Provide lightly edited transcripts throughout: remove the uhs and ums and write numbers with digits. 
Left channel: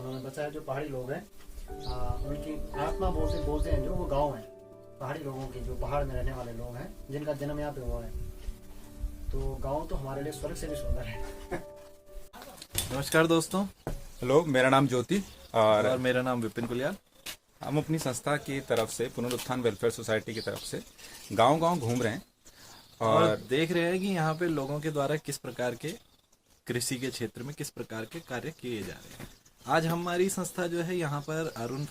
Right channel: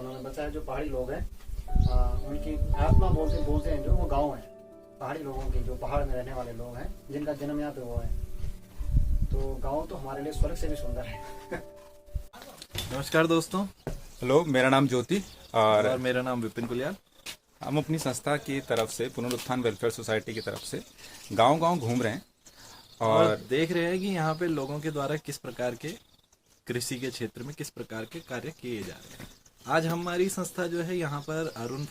खूनों में बचा है। जो पहाड़ी लोग हैं उनकी आत्मा बोलते हैं जो वो गाँव है, पहाड़ी लोगों की, जो पहाड़ में रहने वाले लोग हैं जिनका जन्म यहाँ पे हुआ है। तो गाँव तो हमारे लिए स्वर्ग से भी सुंदर है। नमस्कार दोस्तों। हेलो, मेरा नाम ज्योति और मेरा नाम विपिन कुलियाल। हम अपनी संस्था की तरफ से, पुनरुत्थान वेलफेयर सोसाइटी की तरफ से गांव-गांव घूम रहे हैं और देख रहे हैं कि यहाँ पे लोगों के द्वारा किस प्रकार के कृषि के क्षेत्र में किस प्रकार के कार्य किए जा रहे हैं। आज हमारी संस्था जो है यहाँ पर अरुण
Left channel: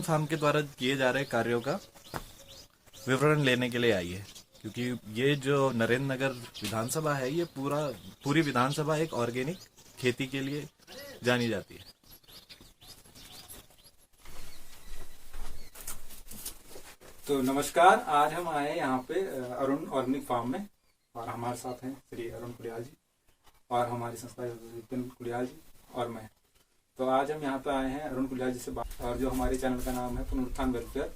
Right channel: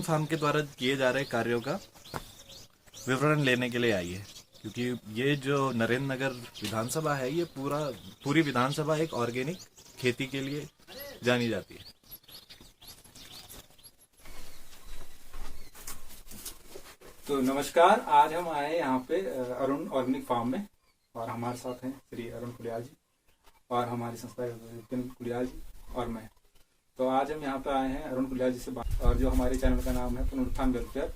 फार्म के द्वारा किए जा रहे कार्यों का विवरण लेने के लिए आई है, क्योंकि ये जो नरेंद्र नगर विधानसभा है, ये पूरी विधानसभा एक ऑर्गेनिक खेती के लिए जानी जाती है। तो नमस्कार, आज हम आए यहाँ पे अरुण ऑर्गेनिक फार्म में और हमारे साथ हैं श्री अरुण कुलियाल जी और हमारी संस्था विपिन कुलियाल जी और मैं। तो आज हम यहाँ पे आए हैं अरुण कुलियाल जी से बात, और जो हमारे चैनल का नाम है पुनरुत्थान वेलफेयर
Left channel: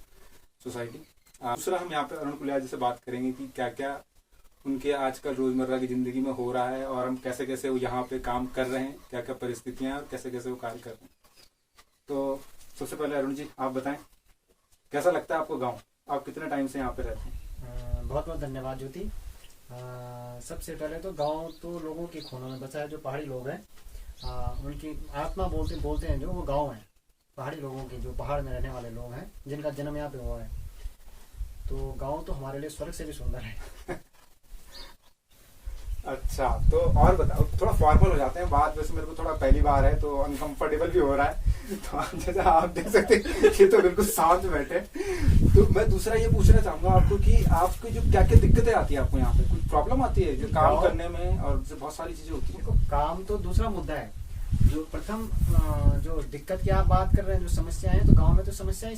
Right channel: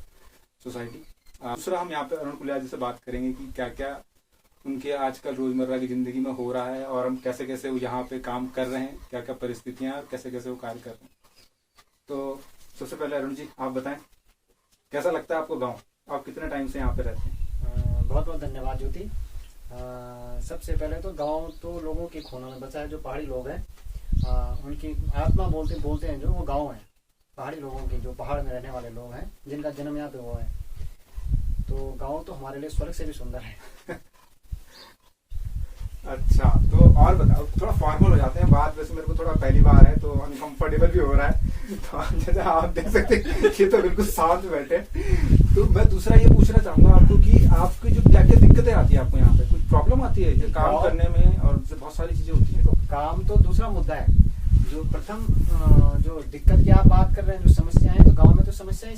सोसाइटी। दूसरा हम यहाँ पे अरुण कुलियाल जी से बात करेंगे कि क्या क्या उनके आजकल रोजमर्रा की जिंदगी में हो रहा है और हम कैसे कैसे वो यहाँ पे काम कर रहे हैं, क्या क्या परिस्थितियां और कैसे कैसे वो कार्य कर रहे हैं। तो सबसे पहले अरुण जी आप बताएं, कैसा लगता है आपको गाँव? आप कितने टाइम से यहाँ पे रहते हैं? बहुत बहुत धन्यवाद ज्योति। सबसे पहले तो गांव तो लोगों के खूनों में बचा है। जो पहाड़ी लोग हैं उनकी आत्मा बोलते हैं जो वो गांव है, पहाड़ी लोगों की, जो पहाड़ में रहने वाले लोग हैं जिनका जन्म यहाँ पे हुआ है। तो गांव तो हमारे लिए स्वर्ग से भी सुंदर है। अच्छा, तो और बताओ, थोड़ा फॉर्मल हो जाते हैं बात। वैसे मेरे को थोड़ा पहली बार है तो अनकंफर्टेबल भी हो रहा है। तो जैसे आप देख सकते हैं ये तो बिल्कुल शांत बैठे। तो मैं दूसरा ये पूछना चाहूंगा आपको कि आपकी जो क्या क्या दिक्कतें आती है आपको यहाँ पे, कुछ प्रॉब्लम आती है जो काम करने में, और बहुत सारी चीजें होती है। तो काम तो दूसरा मुद्दा है। जो प्रथम जो दिक्कत की आप बात कर रहे हैं, जो समस्या है, तो गाँव में तो समस्या है।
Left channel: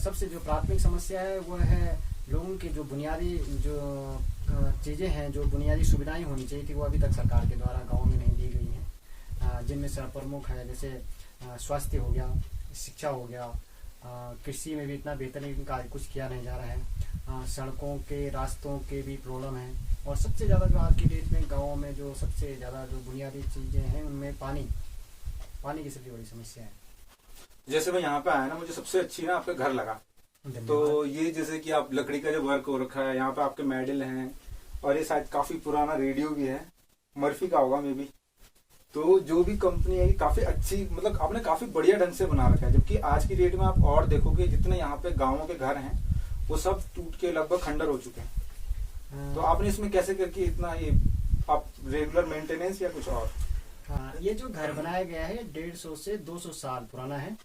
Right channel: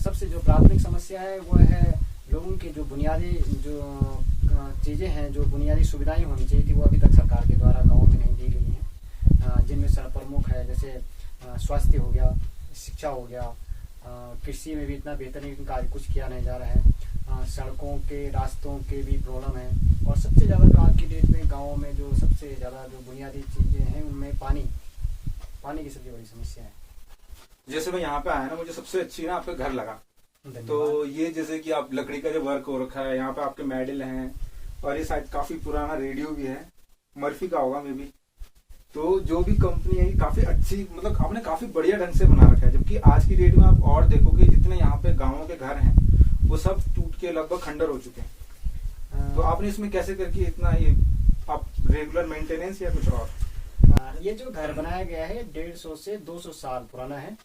सबसे जो प्राथमिक समस्या है वो है लोगों की जो बुनियादी जो चीजें हैं, जो बुनियादी सुविधाएं होनी चाहिए थी, वो अभी तक सरकार के द्वारा गाँव में नहीं दी गई हैं। जिनमें से प्रमुख है जैसे स्वास्थ्य हो गया, शिक्षा हो गया, कृषि में भी इतना बेहतरीन कार्य कुछ किया नहीं जा रहा है। सड़कों के रास्तों के भी प्रॉब्लम है, और सबसे ज्यादा जो आज की डेट में गाँव में जो सबसे ज्यादा जो बुनियादी चीजें हैं उनमें पानी की सबसे बड़ी समस्या है। जैसे मैं यहाँ पे आया ना, मुझे सबसे अच्छी ना आपका घर लगा। तो ये जैसे कि आप लकड़ी का जो वर्क हो रखा है, यहाँ पे आपके मेडल हैं, और ये शायद काफी पुराना रेडियो भी है, मर्फी का होगा मे भी। तो जो भी कंपनी है काफी अच्छी, मतलब आपने काफी बढ़िया ढंग से बना रखा है। जबकि आज की डेट में आप और देखोगे जितने यहाँ पे गाँवों के घर हैं वो सब टूट के लगभग खंडर हो चुके हैं। तो आपने इसमें कैसे करके इतना ये आप रेगुलर मेंटेनेंस या कुछ और? ये जो घर बनाया गया है 150 से 200 साल पुराना है,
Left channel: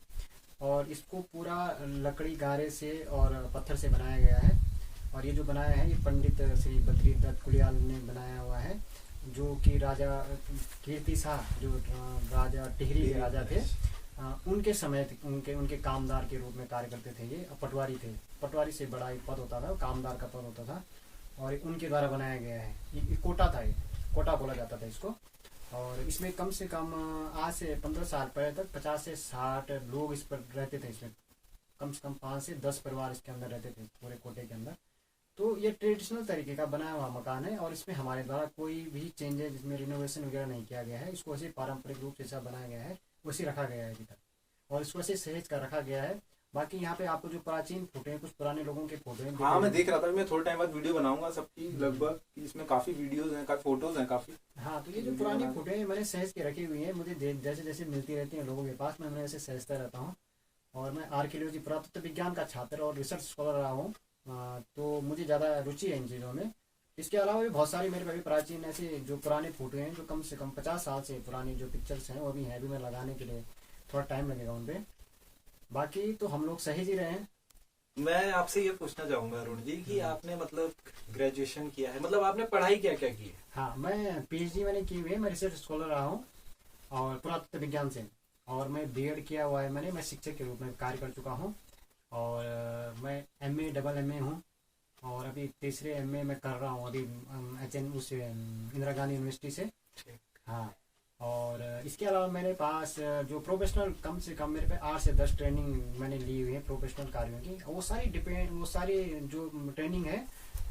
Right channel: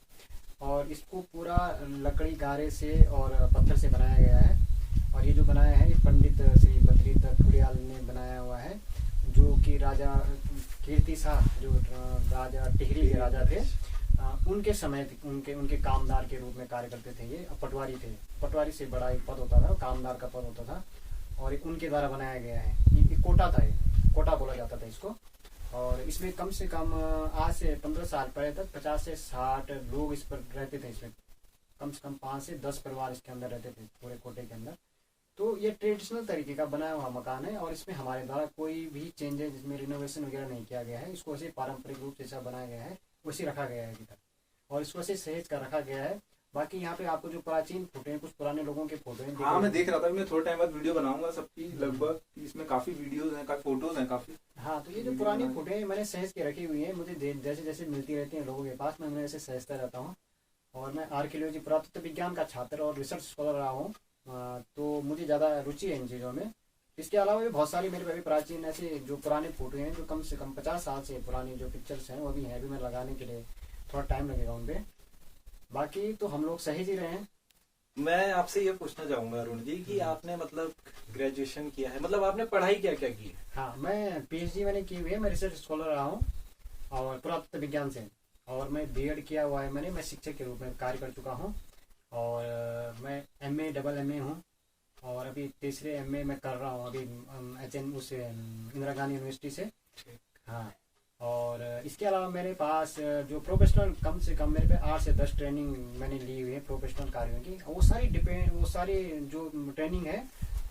और इसको पूरा लकड़ी गारे से और पत्थर से बनाया गया है। और ये जो बनाया है ये पंडित श्री बद्री दत्त कुलियाल ने बनाया हुआ है, जो कि राजा कीर्ति शाह, जो राजा टिहरी के राजा थे, उनके समय उनके कामदार के रूप में कार्य करते थे। ये पटवारी थे, पटवारी से बड़ा एक पद होता था, कामदार का पद होता था, और उनके द्वारा बनाया गया है। ये कोटा था, ये कोटा बोला जाता था इसको। और इसमें कम से कम आज से 15 साल पहले तक 50 से 60 लोग इस पर रहते थे। इसमें कम से कम 5 से 10 परिवार इसके अंदर रहते थे, पूरे कोटे के अंदर। तो ये ट्रेडिशनल तरीके का बनाया हुआ मकान है, और इसमें हमारे द्वारा कोई भी चेंजेस, इसमें रिनोवेशन वगैरह नहीं किया गया है। इसको ऐसे पारंपरिक रूप से जैसा बनाया गया है वैसे रखा गया है अभी तक, और इसको ऐसे सहेज कर रखा गया है। बाकी यहाँ पे आपको जो प्राचीन फोटो हैं, कुछ पुराने लोगों के फोटो हैं। हाँ, मैं देख रहा था। मैं थोड़े टाइम बाद वीडियो बनाऊंगा सबकी, लगभग इसमें काफी वीडियोस हैं, काफी फोटोज हैं काफी। हाँ, तो ये जो पुरानी फोटो है मैंने सहेज के रखी हुई है। मुझे जैसे जैसे मिलती रहती है लोगों के पास, मैं ऐसे सहेजता रहता हूँ। और मैं आर्कियोलॉजी, पुरातत्व विज्ञान का छात्र और रिसर्च स्कॉलर रहा हूँ, तो मुझे ज्यादा रुचि है इन चीजों में। इसके अलावा भी बहुत सारी मेरे पे भी प्राचीन ऐसे जो पुराने फोटो हैं, जो कम से कम 50 साल से पुरानी जो पिक्चर्स हैं वो भी हैं। अभी मैं लगाने के लिए थोड़ा टाइम लगेगा उनपे। बाकी तो हम लोग सहेज ही रहे हैं। मैं आपसे ये पूछना चाहूंगा अरुण जी कि आपने मतलब ग्रेजुएशन किया है, मतलब आपने पढ़ाई क्या क्या की है? हाँ, मैं PhD मैंने की हुई है। मैं रिसर्च स्कॉलर रहा हूँ और पुरातत्व विज्ञान से, और मैं B.Ed किया हुआ है मैंने। मैं शिक्षक के रूप में कार्य कर चुका हूँ, और मैं MA डबल MA हूँ, और अभी तीसरे MA मैं कर रहा हूँ अभी इंदिरा गांधी यूनिवर्सिटी से। हाँ, और इसके अलावा मेरे पास जो प्रोफेशनल, कम से कम मेरे पे 8 से 10 ट्रेनिंग मैंने ली हुई है प्रोफेशनल कार्यों की। वो सारी जो ट्रेनिंग है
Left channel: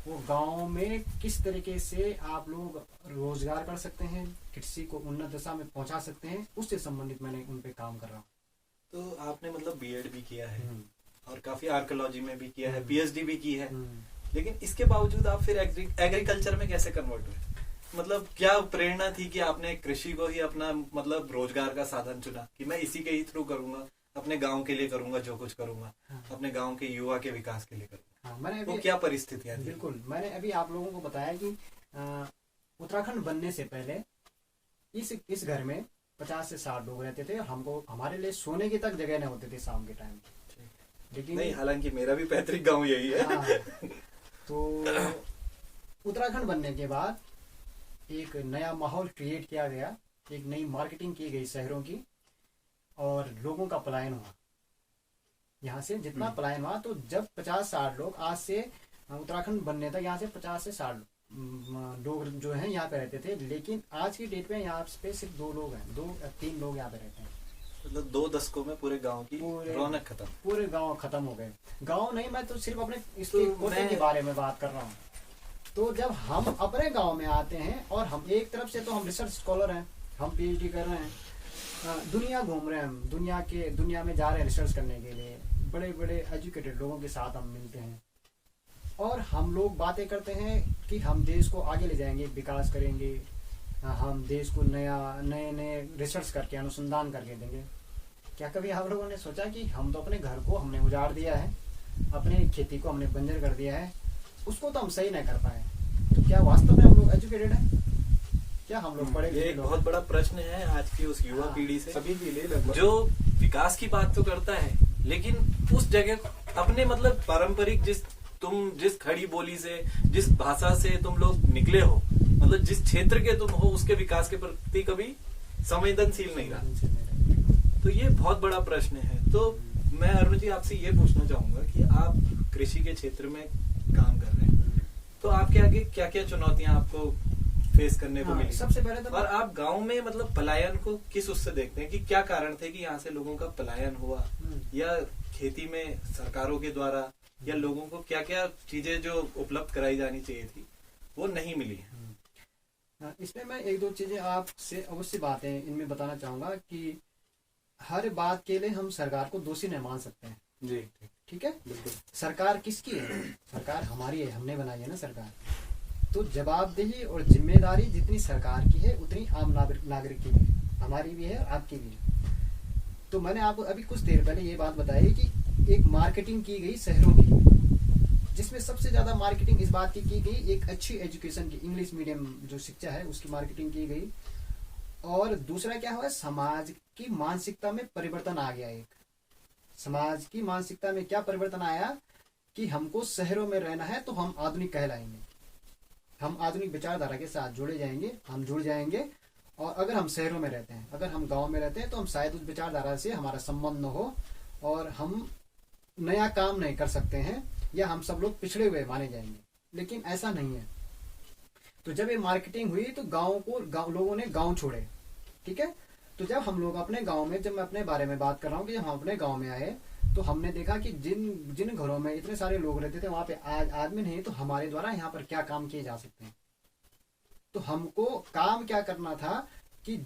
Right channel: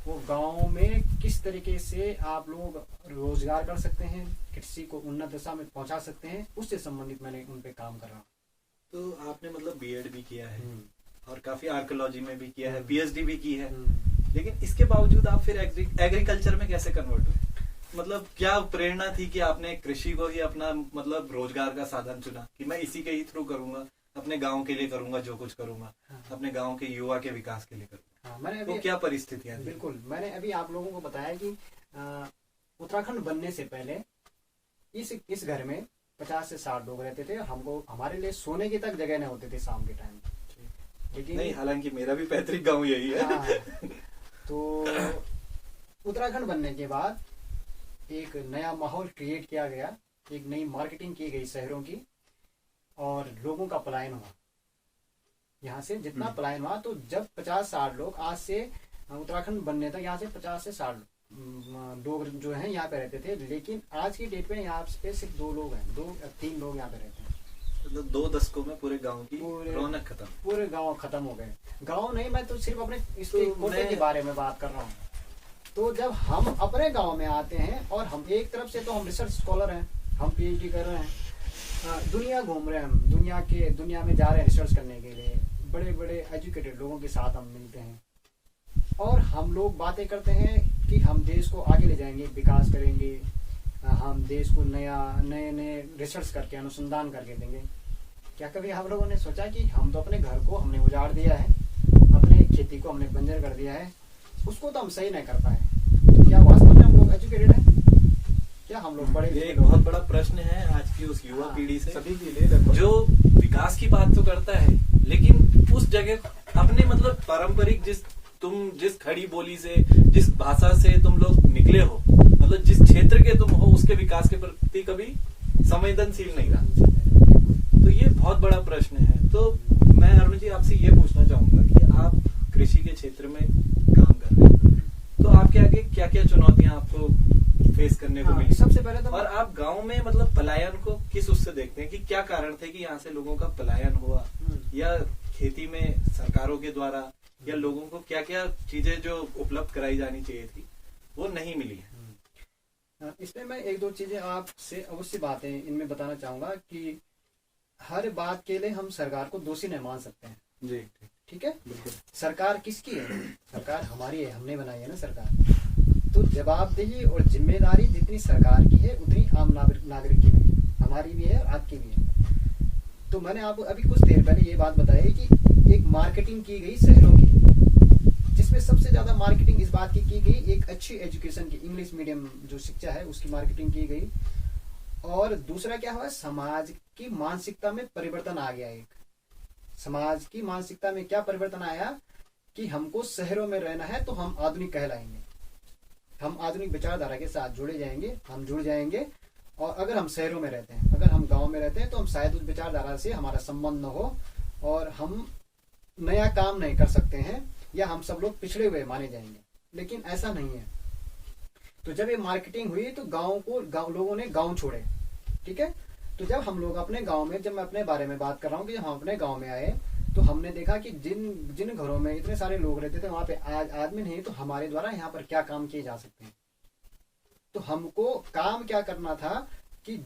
वो गांव में किस तरीके से आप लोग रोजगार कर सकते हैं, कृषि को उन्नत दशा में पहुंचा सकते हैं, उससे संबंधित मैंने उन पे काम कर रहा हूँ। तो आपने मतलब बीएड भी किया है और काफी आर्कियोलॉजी में भी किया है, पीएचडी भी की है, लेकिन इसके बावजूद आप फिर एग्रीकल्चर में कैसे कन्वर्ट हुए? मतलब क्या प्रेरणा थी कि आपने कृषि को ही अपना मतलब रोजगार का साधन चुना कि मैं इसी के ही थ्रू करूंगा, अपने गांव के लिए करूंगा, जो कुछ करूंगा अपने गांव के युवा के विकास के लिए करूंगा? मैंने वो क्या परिस्थितियां थी? बिल्कुल, मैंने अभी आप लोगों को बताया कि उत्तराखंड बनने से पहले इस घर में 50 से 60 लोग रहते थे। हमको हमारे लिए सोने की तक जगह न होते थे शाम के टाइम, लेकिन नहीं, हालांकि मेरा भी पैतृक गांव यही है। तो उत्तराखंड बनने के बाद एक नया माहौल क्रिएट किया गया, एक नई मार्केटिंग की गई शहरों की, और लोगों का पलायन हुआ यहाँ से। जितना पलायन हुआ, तो जब 50-60 लोग, आज से उत्तराखंड बनने तक यहाँ से 50 से 60 लोग जो हैं यहाँ पे रहते थे, लेकिन आज की डेट में यहाँ पे सिर्फ 2 लोग हैं, 2-3 लोग यहाँ पे रहते हैं। मतलब 2 दशकों में पूरे गांव की रौनक खत्म, पूरे गांव खत्म हो गए। गांव नहीं, मैं तो सिर्फ अपने इसके कोटे के बारे में बात कर रहा हूँ। तो जब हम अपने गांव में आते हैं, और हम एक तरफ से तो हम रिसर्च स्कॉलर हैं, हम पीएचडी कर रहे हैं, दुनिया घूम रहे हैं, हम दुनिया में जा रहे हैं रिसर्च करने के लिए, बड़े बड़े एजुकेटेड लोगों के साथ हम मिलते हैं, और हम लोग बातें करते हैं कि हम देश को आगे ले जाएंगे, विकास करेंगे, हम देश को नए रिसर्च करके, अनुसंधान करके देंगे। क्या कभी आप लोगों ने सोचा कि हम तो अपने घर को हमने उजाड़ दिया है, अपने खेती को हमने बंजर कर दिया है, उसको तो हम सही नहीं कर पाए, तो क्या वास्तव में हम लोग एजुकेटेड हैं? क्या हम लोग पढ़े? एक बहुत बड़ा प्रश्न है आज की उस युवा पीढ़ी से, सभी के लिए, जो विकास की बात तो करता है, लेकिन उस जगह अपने मतलब पारंपरिक जिस खड़ी बोली से, जिस भाषा से तुम लोग निकले हो, मतलब जिस क्षेत्र के तुम हो, उसके विकास के प्रति कभी संवेदनशील नहीं रहा। तो ये बहुत बड़ा प्रश्न है। तो मैं अरुण जी आपसे ये पूछना चाहूंगा कि आप कृषि के क्षेत्र में काम कर रहे हैं, तो आपके आगे क्या क्या चुनौतियां आपको फेस करने को मिली? सबसे पहले तो, और आप गांव में मतलब पलायन को किस उससे देखते हैं कि क्या कारण थे कि यहाँ से लोगों का पलायन हुआ, या खेती में सरकारों के द्वारा या लोगों को क्या क्या चीजें जो उपलब्ध कराई जानी चाहिए थी वो नहीं मिली है? इसमें मैं 1-2 चीजें आपसे अवश्य बातें इनमें बताना चाहूंगा कि हर बात के लिए हम सरकार को दोषी नहीं मान सकते हैं जी। ठीक है, बिल्कुल। सरकार किसकी है? सरकार हमारी है, हमने बनाई है ना सरकार। तो जवाबदेही और जिम्मेदारी जितनी सरकार की है, उतनी आम नागरिक की भी, हमारी भी है और आपकी भी है। तो मैंने आपको अभी कुछ देर पहले ये बात बताई कि एक मार्केटिंग की गई शहरों की, जिसमें सबसे ज्यादा मार्केटिंग इस बात की गई, एक अच्छी एजुकेशन की, इंग्लिश मीडियम जो शिक्षा है उसकी मार्केटिंग की गई। और दूसरा क्या हुआ, समाज की मानसिकता में परिवर्तन आ गया। एक समाज की मानसिकता में क्या परिवर्तन आया कि हमको शहरों में रहना है तो हम आधुनिक कहलाएंगे, हम आधुनिक विचारधारा के साथ जुड़ जाएंगे। और अगर हम शहरों में रहते हैं, अगर हम गांव में रहते हैं, तो हम शायद उस विचारधारा से हमारा संबंध न हो, और हम नया काम नहीं कर सकते हैं, या हम सब लोग पिछड़े हुए माने जाएंगे। लेकिन ऐसा नहीं है। तो जब ये मार्केटिंग हुई तो लोगों ने गांव छोड़े। ठीक है, तो जब हम लोग अपने गांव में, जब मैं अपने बारे में बात कर रहा हूँ कि हम अपने गांव में आए, तो हमने देखा कि जिन घरों में इतने सारे लोग रहते थे, वहां पे आज आदमी नहीं, तो हमारे द्वारा यहाँ पर क्या काम किए जा सकते हैं। तो हमको काम क्या करना था कि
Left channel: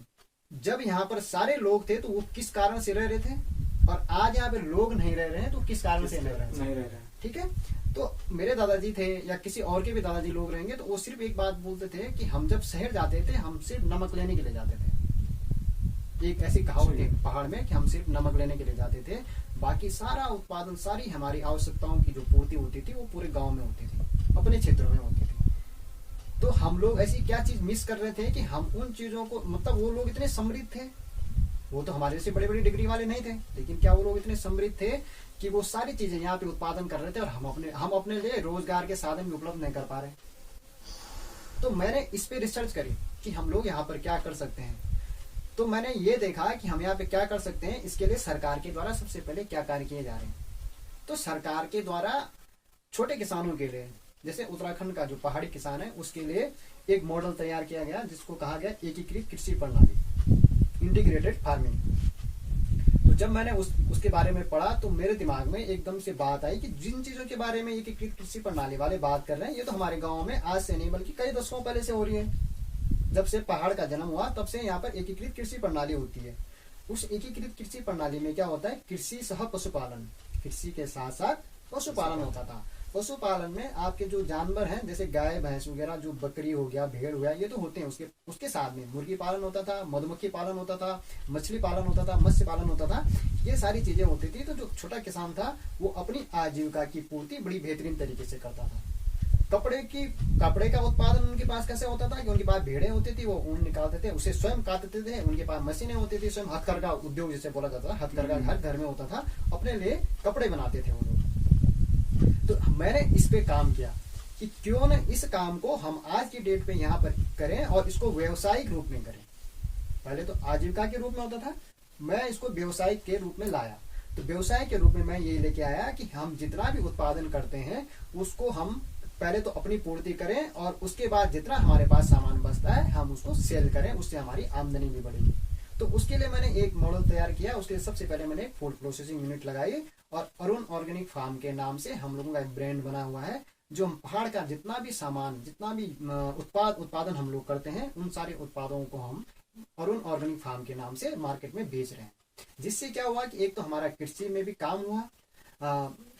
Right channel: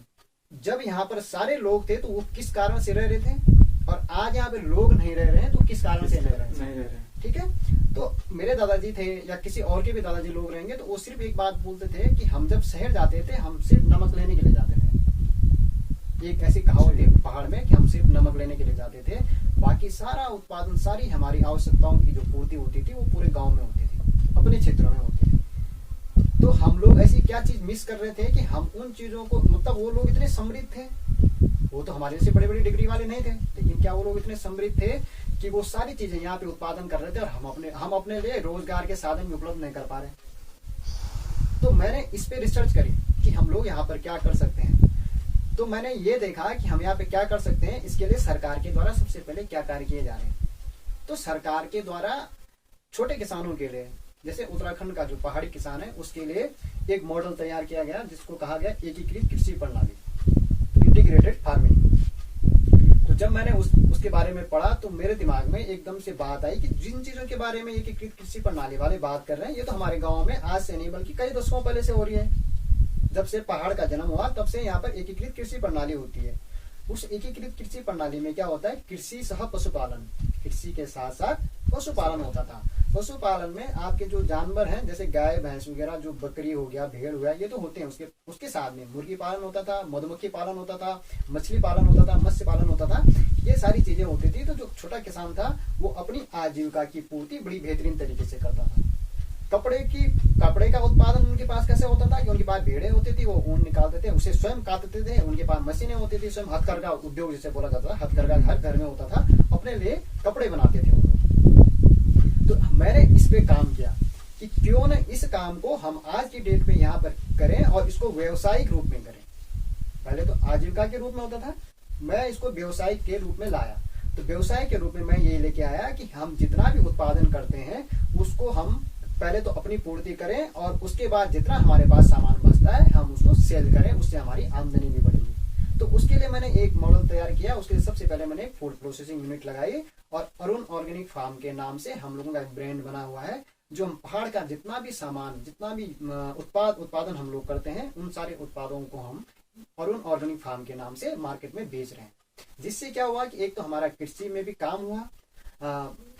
जब यहाँ पर सारे लोग थे तो वो किस कारण से रह रहे थे, और आज यहाँ पे लोग नहीं रह रहे हैं तो किस कारण से नहीं रह रहे हैं। ठीक है, तो मेरे दादाजी थे या किसी और के भी दादाजी लोग रहेंगे, तो वो सिर्फ एक बात बोलते थे कि हम जब शहर जाते थे, हम सिर्फ नमक लेने के लिए जाते थे। एक ऐसी कहावत है पहाड़ में कि हम सिर्फ नमक लेने के लिए जाते थे, बाकी सारा उत्पादन, सारी हमारी आवश्यकताओं की जो पूर्ति होती थी वो पूरे गांव में होती थी, अपने क्षेत्रों में होती थी। तो हम लोग ऐसी क्या चीज मिस कर रहे थे कि हम उन चीजों को, मतलब वो लोग इतने समृद्ध थे, वो तो हमारे से बड़े बड़ी डिग्री वाले नहीं थे, लेकिन क्या वो लोग इतने समृद्ध थे कि वो सारी चीजें यहाँ पे उत्पादन कर रहे थे, और हम अपने लिए रोजगार के साधन भी उपलब्ध नहीं कर पा रहे। तो मैंने इस पे रिसर्च करी कि हम लोग यहाँ पर क्या कर सकते हैं। तो मैंने ये देखा कि हम यहाँ पे क्या कर सकते हैं, इसके लिए सरकार के द्वारा सबसे पहले क्या कार्य किए जा रहे हैं। तो सरकार के द्वारा छोटे किसानों के लिए, जैसे उत्तराखंड का जो पहाड़ी किसान है, उसके लिए एक मॉडल तैयार किया गया जिसको कहा गया एकीकृत कृषि प्रणाली, इंटीग्रेटेड फार्मिंग। तो जब मैंने उसके बारे में पढ़ा तो मेरे दिमाग में एकदम से बात आई कि जिन चीजों के बारे में एकीकृत कृषि प्रणाली वाले बात कर रहे हैं, ये तो हमारे गाँव में आज से नहीं बल्कि कई दशकों पहले से हो रही है। जब से पहाड़ का जन्म हुआ तब से यहाँ पर एकीकृत कृषि प्रणाली होती है। उस एकीकृत कृषि प्रणाली में क्या होता है, कृषि सह पशुपालन, कृषि के साथ साथ पशुपालन होता था। पशुपालन में आपके जो जानवर हैं जैसे गाय भैंस वगैरह, जो बकरी हो गया, भेड़ हो गया, ये तो होते हैं। उसके साथ में मुर्गी पालन होता था, मधुमक्खी पालन होता था, मछली पालन होता था, मत्स्य पालन होता था, ये सारी चीजें होती थी। तो जो छोटा किसान था वो अपनी आजीविका की पूर्ति बड़ी बेहतरीन तरीके से करता था। कपड़े का उत्पादन उनके पास कैसे होता था कि उनके पास भेड़ें होती थी, वो ऊन निकालते थे, उसे स्वयं काटते थे। उनके पास मशीनें होती थी, स्वयं हथकरघा उद्योग जिसे बोला जाता था, हथकरघा हर घर में होता था, अपने लिए कपड़े बनाते थे वो लोग। तो मैंने इस पे काम किया कि क्यों न इस काम को हम आज की डेट में यहाँ पर करें और इसको व्यवसायिक रूप में करें। पहले तो आजीविका के रूप में होता था, मैं इसको व्यवसायिक के रूप में लाया। तो व्यवसाय के रूप में मैं ये लेके आया कि हम जितना भी उत्पादन करते हैं उसको हम पहले तो अपनी पूर्ति करें और उसके बाद जितना हमारे पास सामान बचता है हम उसको सेल करें, उससे हमारी आमदनी भी बढ़ेगी। तो उसके लिए मैंने एक मॉडल तैयार किया। उसके लिए सबसे पहले मैंने फूड प्रोसेसिंग यूनिट लगाई और अरुण ऑर्गेनिक फार्म के नाम से हम लोगों का एक ब्रांड बना हुआ है, जो हम पहाड़ का जितना भी सामान, जितना भी उत्पादन हम लोग करते हैं, उन सारे उत्पादों को हम अरुण ऑर्गेनिक फार्म के नाम से मार्केट में बेच रहे हैं। जिससे क्या हुआ कि एक तो हमारा कृषि में भी काम हुआ,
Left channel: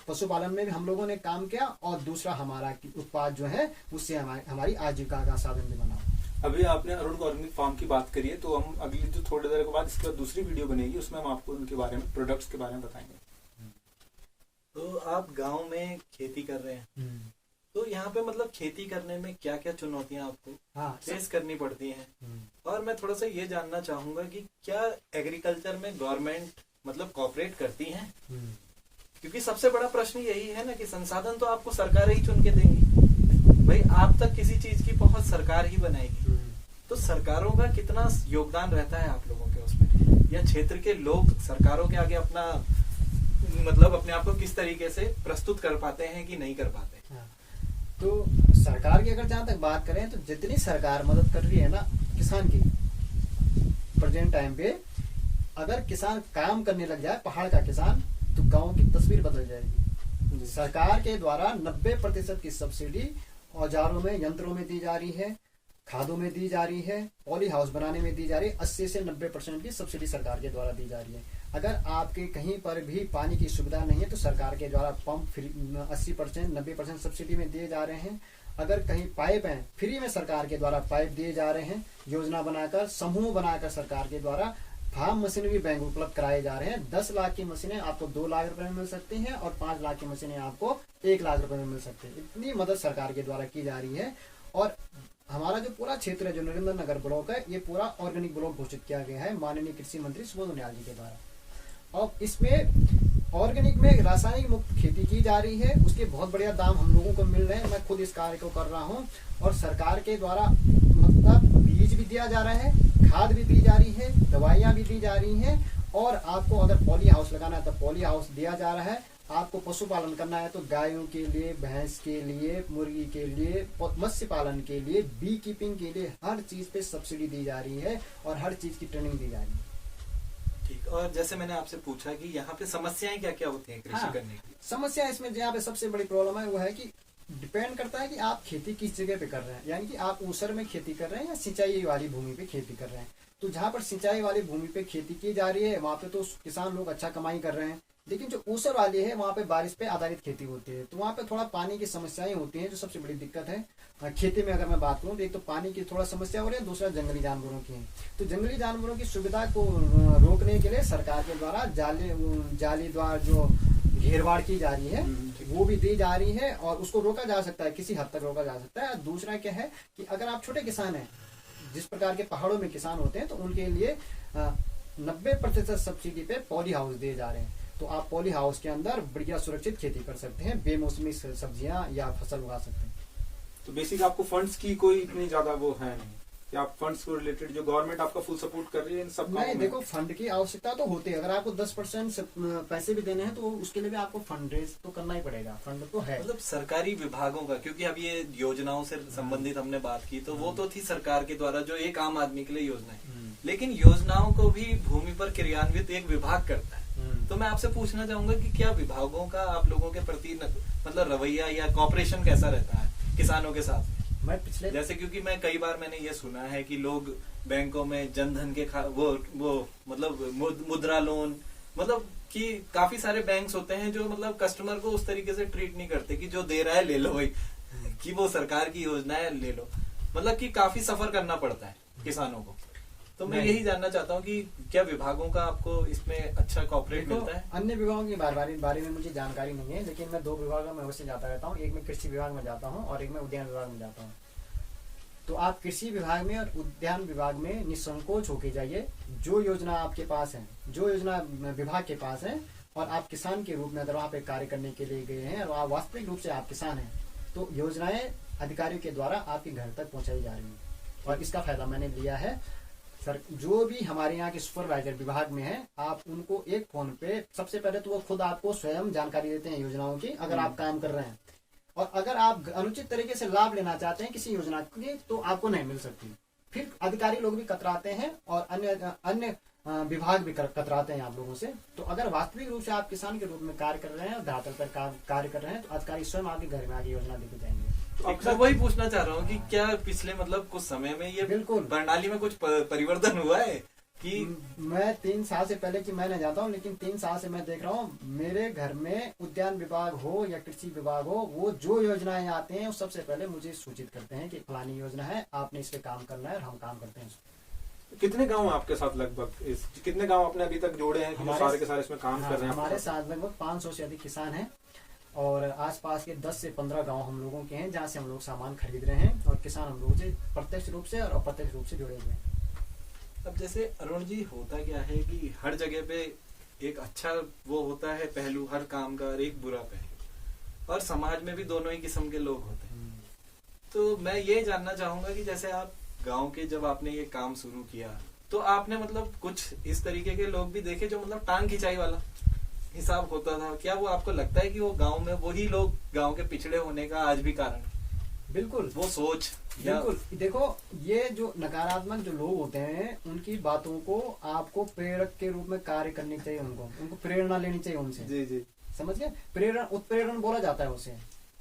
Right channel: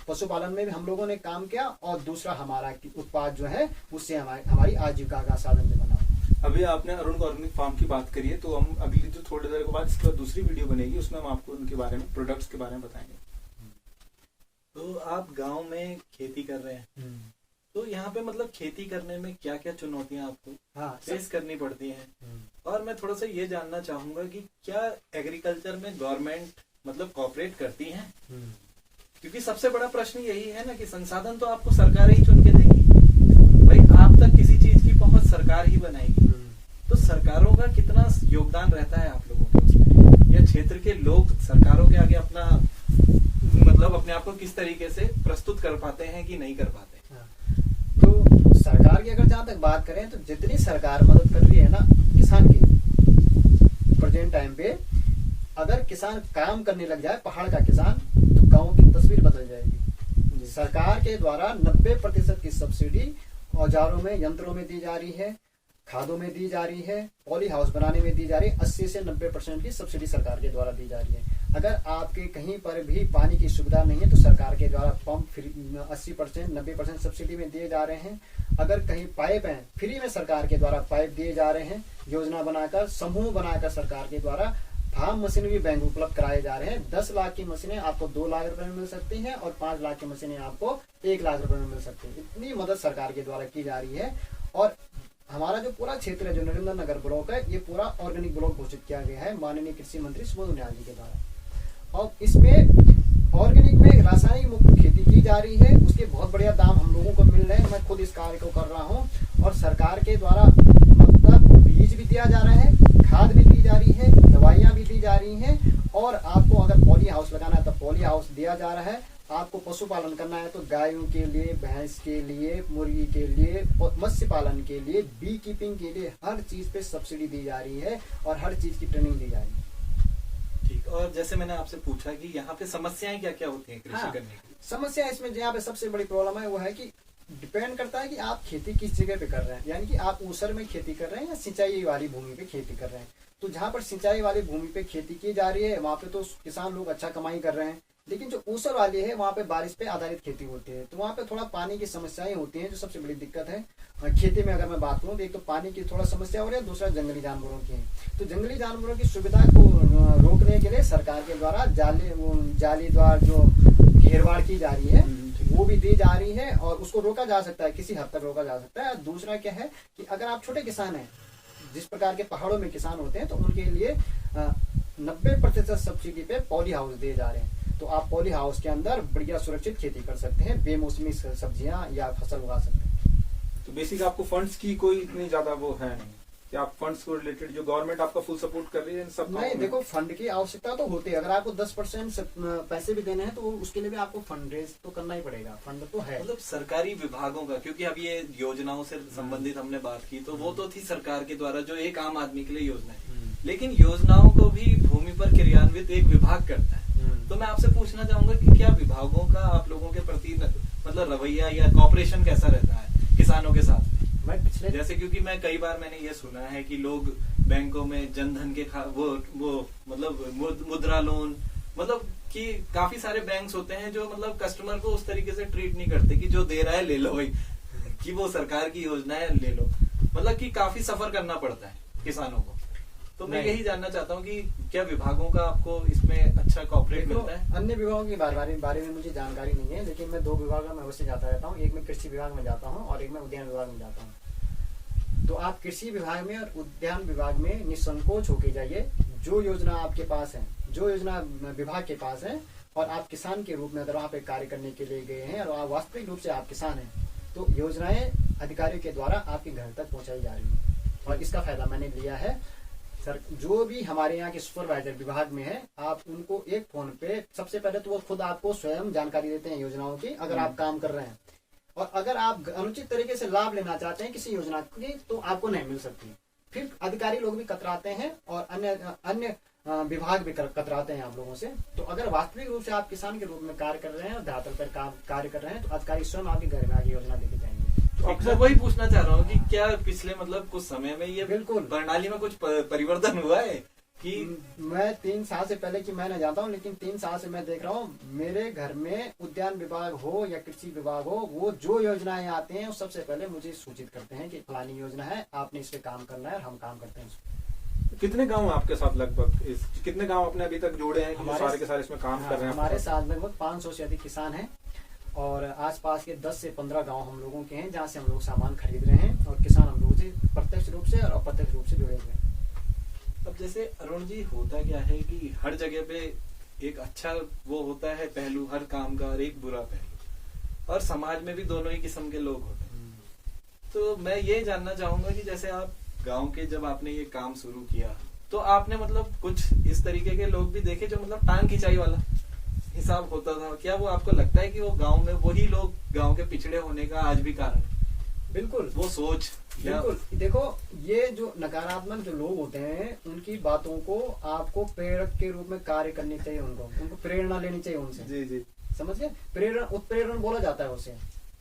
पशुपालन में भी हम लोगों ने काम किया, और दूसरा हमारा उत्पाद जो है उससे हमारी आजीविका का साधन भी बना। अभी आपने अरुण ऑर्गेनिक फार्म की बात करी है, तो हम अगली जो थोड़ी देर के बाद इसके बाद दूसरी वीडियो बनेगी, उसमें हम आपको उनके बारे में, प्रोडक्ट्स के बारे में बताएंगे। तो आप गांव में खेती कर रहे हैं, तो यहाँ पे मतलब खेती करने में क्या क्या चुनौतियां आपको फेस करनी पड़ती हैं? और मैं थोड़ा सा ये जानना चाहूंगा कि क्या एग्रीकल्चर में गवर्नमेंट मतलब कोऑपरेट करती है? क्योंकि सबसे बड़ा प्रश्न यही है ना कि संसाधन तो आपको सरकार ही चुन के देंगी भाई, आप तक किसी चीज की पहुंच सरकार ही बनाएगी। तो सरकारों का कितना योगदान रहता है आप लोगों के उसमें, या क्षेत्र के लोग सरकारों के आगे अपना मतलब अपने आप को किस तरीके से प्रस्तुत कर पाते हैं कि नहीं कर पाते? तो सरकार की अगर जहां तक बात करें तो जितनी सरकार मदद कर रही है ना किसान की, प्रेजेंट टाइम पे अगर किसान काम करने लग जाए, पहाड़ का किसान, तो गांव की तस्वीर बदल जाएगी। सरकार के द्वारा 90% की सब्सिडी औजारों में, यंत्रों में दी जा रही है, खादों में दी जा रही है, पॉली हाउस बनाने में दी जा रही है। 80 से 90% की सब्सिडी सरकार के द्वारा दी जा रही है। अगर आपके कहीं पर भी पानी की सुविधा नहीं है तो सरकार के द्वारा पंप फ्री 80% 90% सब्सिडी में दिए जा रहे हैं। अगर कहीं पाइप है, फ्री में सरकार के द्वारा पाइप दिए जा रहे हैं। योजना बनाकर, समूह बनाकर सरकार के द्वारा फार्म मशीनरी बैंक उपलब्ध कराए जा रहे हैं। 10 लाख की मशीनें आपको 2 लाख रुपए में मिल सकती हैं और 5 लाख की मशीनें आपको 1 लाख रुपए में मिल सकती है। इतनी मदद सरकार के द्वारा की जा रही है। और हमारा जो पूरा क्षेत्र है, जो नरेंद्र नगर ब्लॉक है, ये पूरा ऑर्गेनिक ब्लॉक घोषित किया गया है माननीय कृषि मंत्री सुबोध उनियाल जी के द्वारा। और इसमें ऑर्गेनिक में रासायनिक मुक्त खेती की जा रही है, उसके बहुत बढ़िया दाम हम लोगों को मिल रहे हैं। मैं खुद इस कार्य को कर रहा हूँ और सरकार के द्वारा मतलब बीज भी दिया जा रहा है, खाद भी दी जा रही है, दवाइयां भी दी जा रही हैं। और आपको अगर पॉली हाउस लगाना है तो पॉली हाउस दिया जा रहा है। आपको पशुपालन करना है तो गायों के लिए, भैंस के लिए, मुर्गी के लिए, मत्स्य पालन के लिए, बी कीपिंग के लिए हर चीज पे सब्सिडी दी जा रही है और हर चीज की ट्रेनिंग दी जा रही है। ठीक। और जैसे मैंने आपसे पूछा कि यहाँ पे समस्याएं क्या क्या होती हैं कृषि करने की? समस्या इसमें यहाँ पे सबसे बड़ी प्रॉब्लम है वो है कि डिपेंड करता है कि आप खेती किस जगह पे कर रहे हैं। यानी कि आप ऊसर में खेती कर रहे हैं या सिंचाई वाली भूमि पे खेती कर रहे हैं। तो जहाँ पर सिंचाई वाली भूमि पे खेती की जा रही है वहाँ पे तो किसान लोग अच्छा कमाई कर रहे हैं। लेकिन जो ऊसर वाली है वहाँ पे बारिश पे आधारित खेती होती है, तो वहाँ पे थोड़ा पानी की समस्याएं होती हैं, जो सबसे बड़ी दिक्कत है। खेती में अगर मैं बात करूँ तो एक तो पानी की थोड़ा समस्या हो रही है, दूसरा जंगली जानवरों की है। तो जंगली जानवरों की सुविधा को रोकने के लिए सरकार के द्वारा जाली द्वारा जो घेरवाड़ की जा रही है वो भी दी जा रही है और उसको रोका जा सकता है, किसी हद तक रोका जा सकता है। दूसरा क्या है कि अगर आप छोटे किसान हैं, जिस प्रकार के पहाड़ों में किसान होते हैं, तो उनके लिए 90% सब्सिडी पे पॉली हाउस दिए जा रहे हैं। तो आप पॉली हाउस के अंदर बढ़िया सुरक्षित खेती कर सकते हैं, बेमौसमी सब्जियां या फसल उगा सकते हैं। तो बेसिक आपको फंड्स की कोई इतनी ज्यादा वो है नहीं कि आप फंड्स को रिलेटेड जो गवर्नमेंट आपका फुल सपोर्ट कर रही है इन सब? नहीं, देखो फंड की आवश्यकता तो होती है। अगर आपको 10% पैसे भी देने हैं तो उसके लिए भी आपको फंड रेज तो करना ही पड़ेगा। फंड तो है मतलब सरकारी विभागों का, क्योंकि अब ये योजनाओं से संबंधित हमने बात की तो वो तो थी सरकार के द्वारा जो एक आम आदमी के लिए योजना है, लेकिन योजनाओं को भी भूमि पर क्रियान्वित एक विभाग करता है। तो मैं आपसे पूछना चाहूंगा कि क्या विभागों का आप लोगों के प्रति मतलब रवैया या कॉपरेशन कैसा रहता है किसानों के साथ में? मैं पिछले जैसे क्योंकि मैं कई बार मैंने ये सुना है कि लोग बैंकों में जनधन के वो मतलब मुद्रा लोन, मतलब कि काफी सारे बैंक्स होते हैं जो मतलब कस्टमर को उस तरीके से ट्रीट नहीं करते कि जो दे रहा है ले लो भाई, कि वो सरकार की योजना है ले लो, मतलब कि काफी सफर करना पड़ता है किसानों को। तो मैं यही जानना चाहता हूँ कि क्या विभागों का आपको इसमें अच्छा कॉपरेट मिलता है? अन्य विभागों के बारे में मुझे जानकारी नहीं है, लेकिन मैं 2 विभागों में अवश्य जाता रहता हूँ। एक में कृषि विभाग में जाता हूँ और एक में उद्यान विभाग में जाता हूँ। तो आप कृषि विभाग में और उद्यान विभाग में निसंकोच होके जाइए। जो योजना आपके पास है, जो योजना विभाग के पास है, और आप किसान के रूप में अगर वहाँ पे कार्य करने के लिए गए हैं और आप वास्तविक रूप से आप किसान हैं, तो योजनाएं अधिकारियों के द्वारा आपके घर तक पहुंचाई जा रही हैं और इसका फायदा मैंने लिया है। सर, जो भी हमारे यहाँ के सुपरवाइजर विभाग में है, आप उनको एक फोन पे सबसे पहले तो वो खुद आपको स्वयं जानकारी देते हैं योजनाओं की, अगर आप काम कर रहे हैं। और अगर आप अनुचित तरीके से लाभ लेना चाहते हैं किसी योजना की तो आपको नहीं मिल सकती। फिर अधिकारी लोग भी कतराते हैं और अन्य विभाग भी कतराते हैं आप लोगों से। तो अगर वास्तविक रूप से आप किसान के रूप में कार्य कर रहे हैं और धरातल पर कार्य कर रहे हैं, तो अधिकारी स्वयं आपके घर में आगे योजना लेके जाएंगे। मैं वही पूछना चाह रहा हूँ कि क्या पिछले मतलब कुछ समय में ये बिल्कुल प्रणाली में कुछ परिवर्तन हुआ है कि मैं 3 साल से पहले की मैं न जाता हूँ, लेकिन 3 साल से मैं देख रहा हूँ मेरे घर में उद्यान विभाग हो या कृषि विभाग हो, वो जो योजनाएं आते हैं सबसे पहले मुझे सूचित करते हैं कि फलानी योजना है, आपने इस पे काम करना है, और हम काम करते हैं। कितने गांव आपके साथ लगभग कितने गांव आपने अभी तक जोड़े हैं कि सारे के सारे इसमें काम कर रहे हैं? हमारे साथ लगभग 500 से अधिक किसान हैं और आसपास के 10 से 15 गांव हम लोगों के हैं जहां से हम लोग सामान खरीद रहे हैं और किसान हम लोगों से प्रत्यक्ष रूप से और अप्रत्यक्ष रूप से जुड़े हुए हैं। अब जैसे अरुण जी, होता क्या है कि हर जगह पे एक अच्छा वो होता है पहलू हर काम का और एक बुरा पहलू, और समाज में भी दोनों ही किस्म के लोग होते हैं। तो मैं ये जानना चाहूंगा कि जैसे आप गांव के जब आपने ये काम शुरू किया तो आपने मतलब कुछ इस तरीके के लोग भी देखे जो मतलब टांग खिंचाई वाला हिसाब होता था, क्या वो आपको लगता है कि वो गांव में वही लोग गांव के पिछड़े होने का आज भी कारण? बिल्कुल वो सोच बिल्कुल। देखो, ये जो नकारात्मक जो लोग होते हैं उनकी बातों को आपको प्रेरक के रूप में कार्य करनी चाहिए, उनको प्रेरणा लेनी चाहिए उनसे। जी जी, समझ गए? प्रेरण उत्प्रेरण बोला जाता है उसे,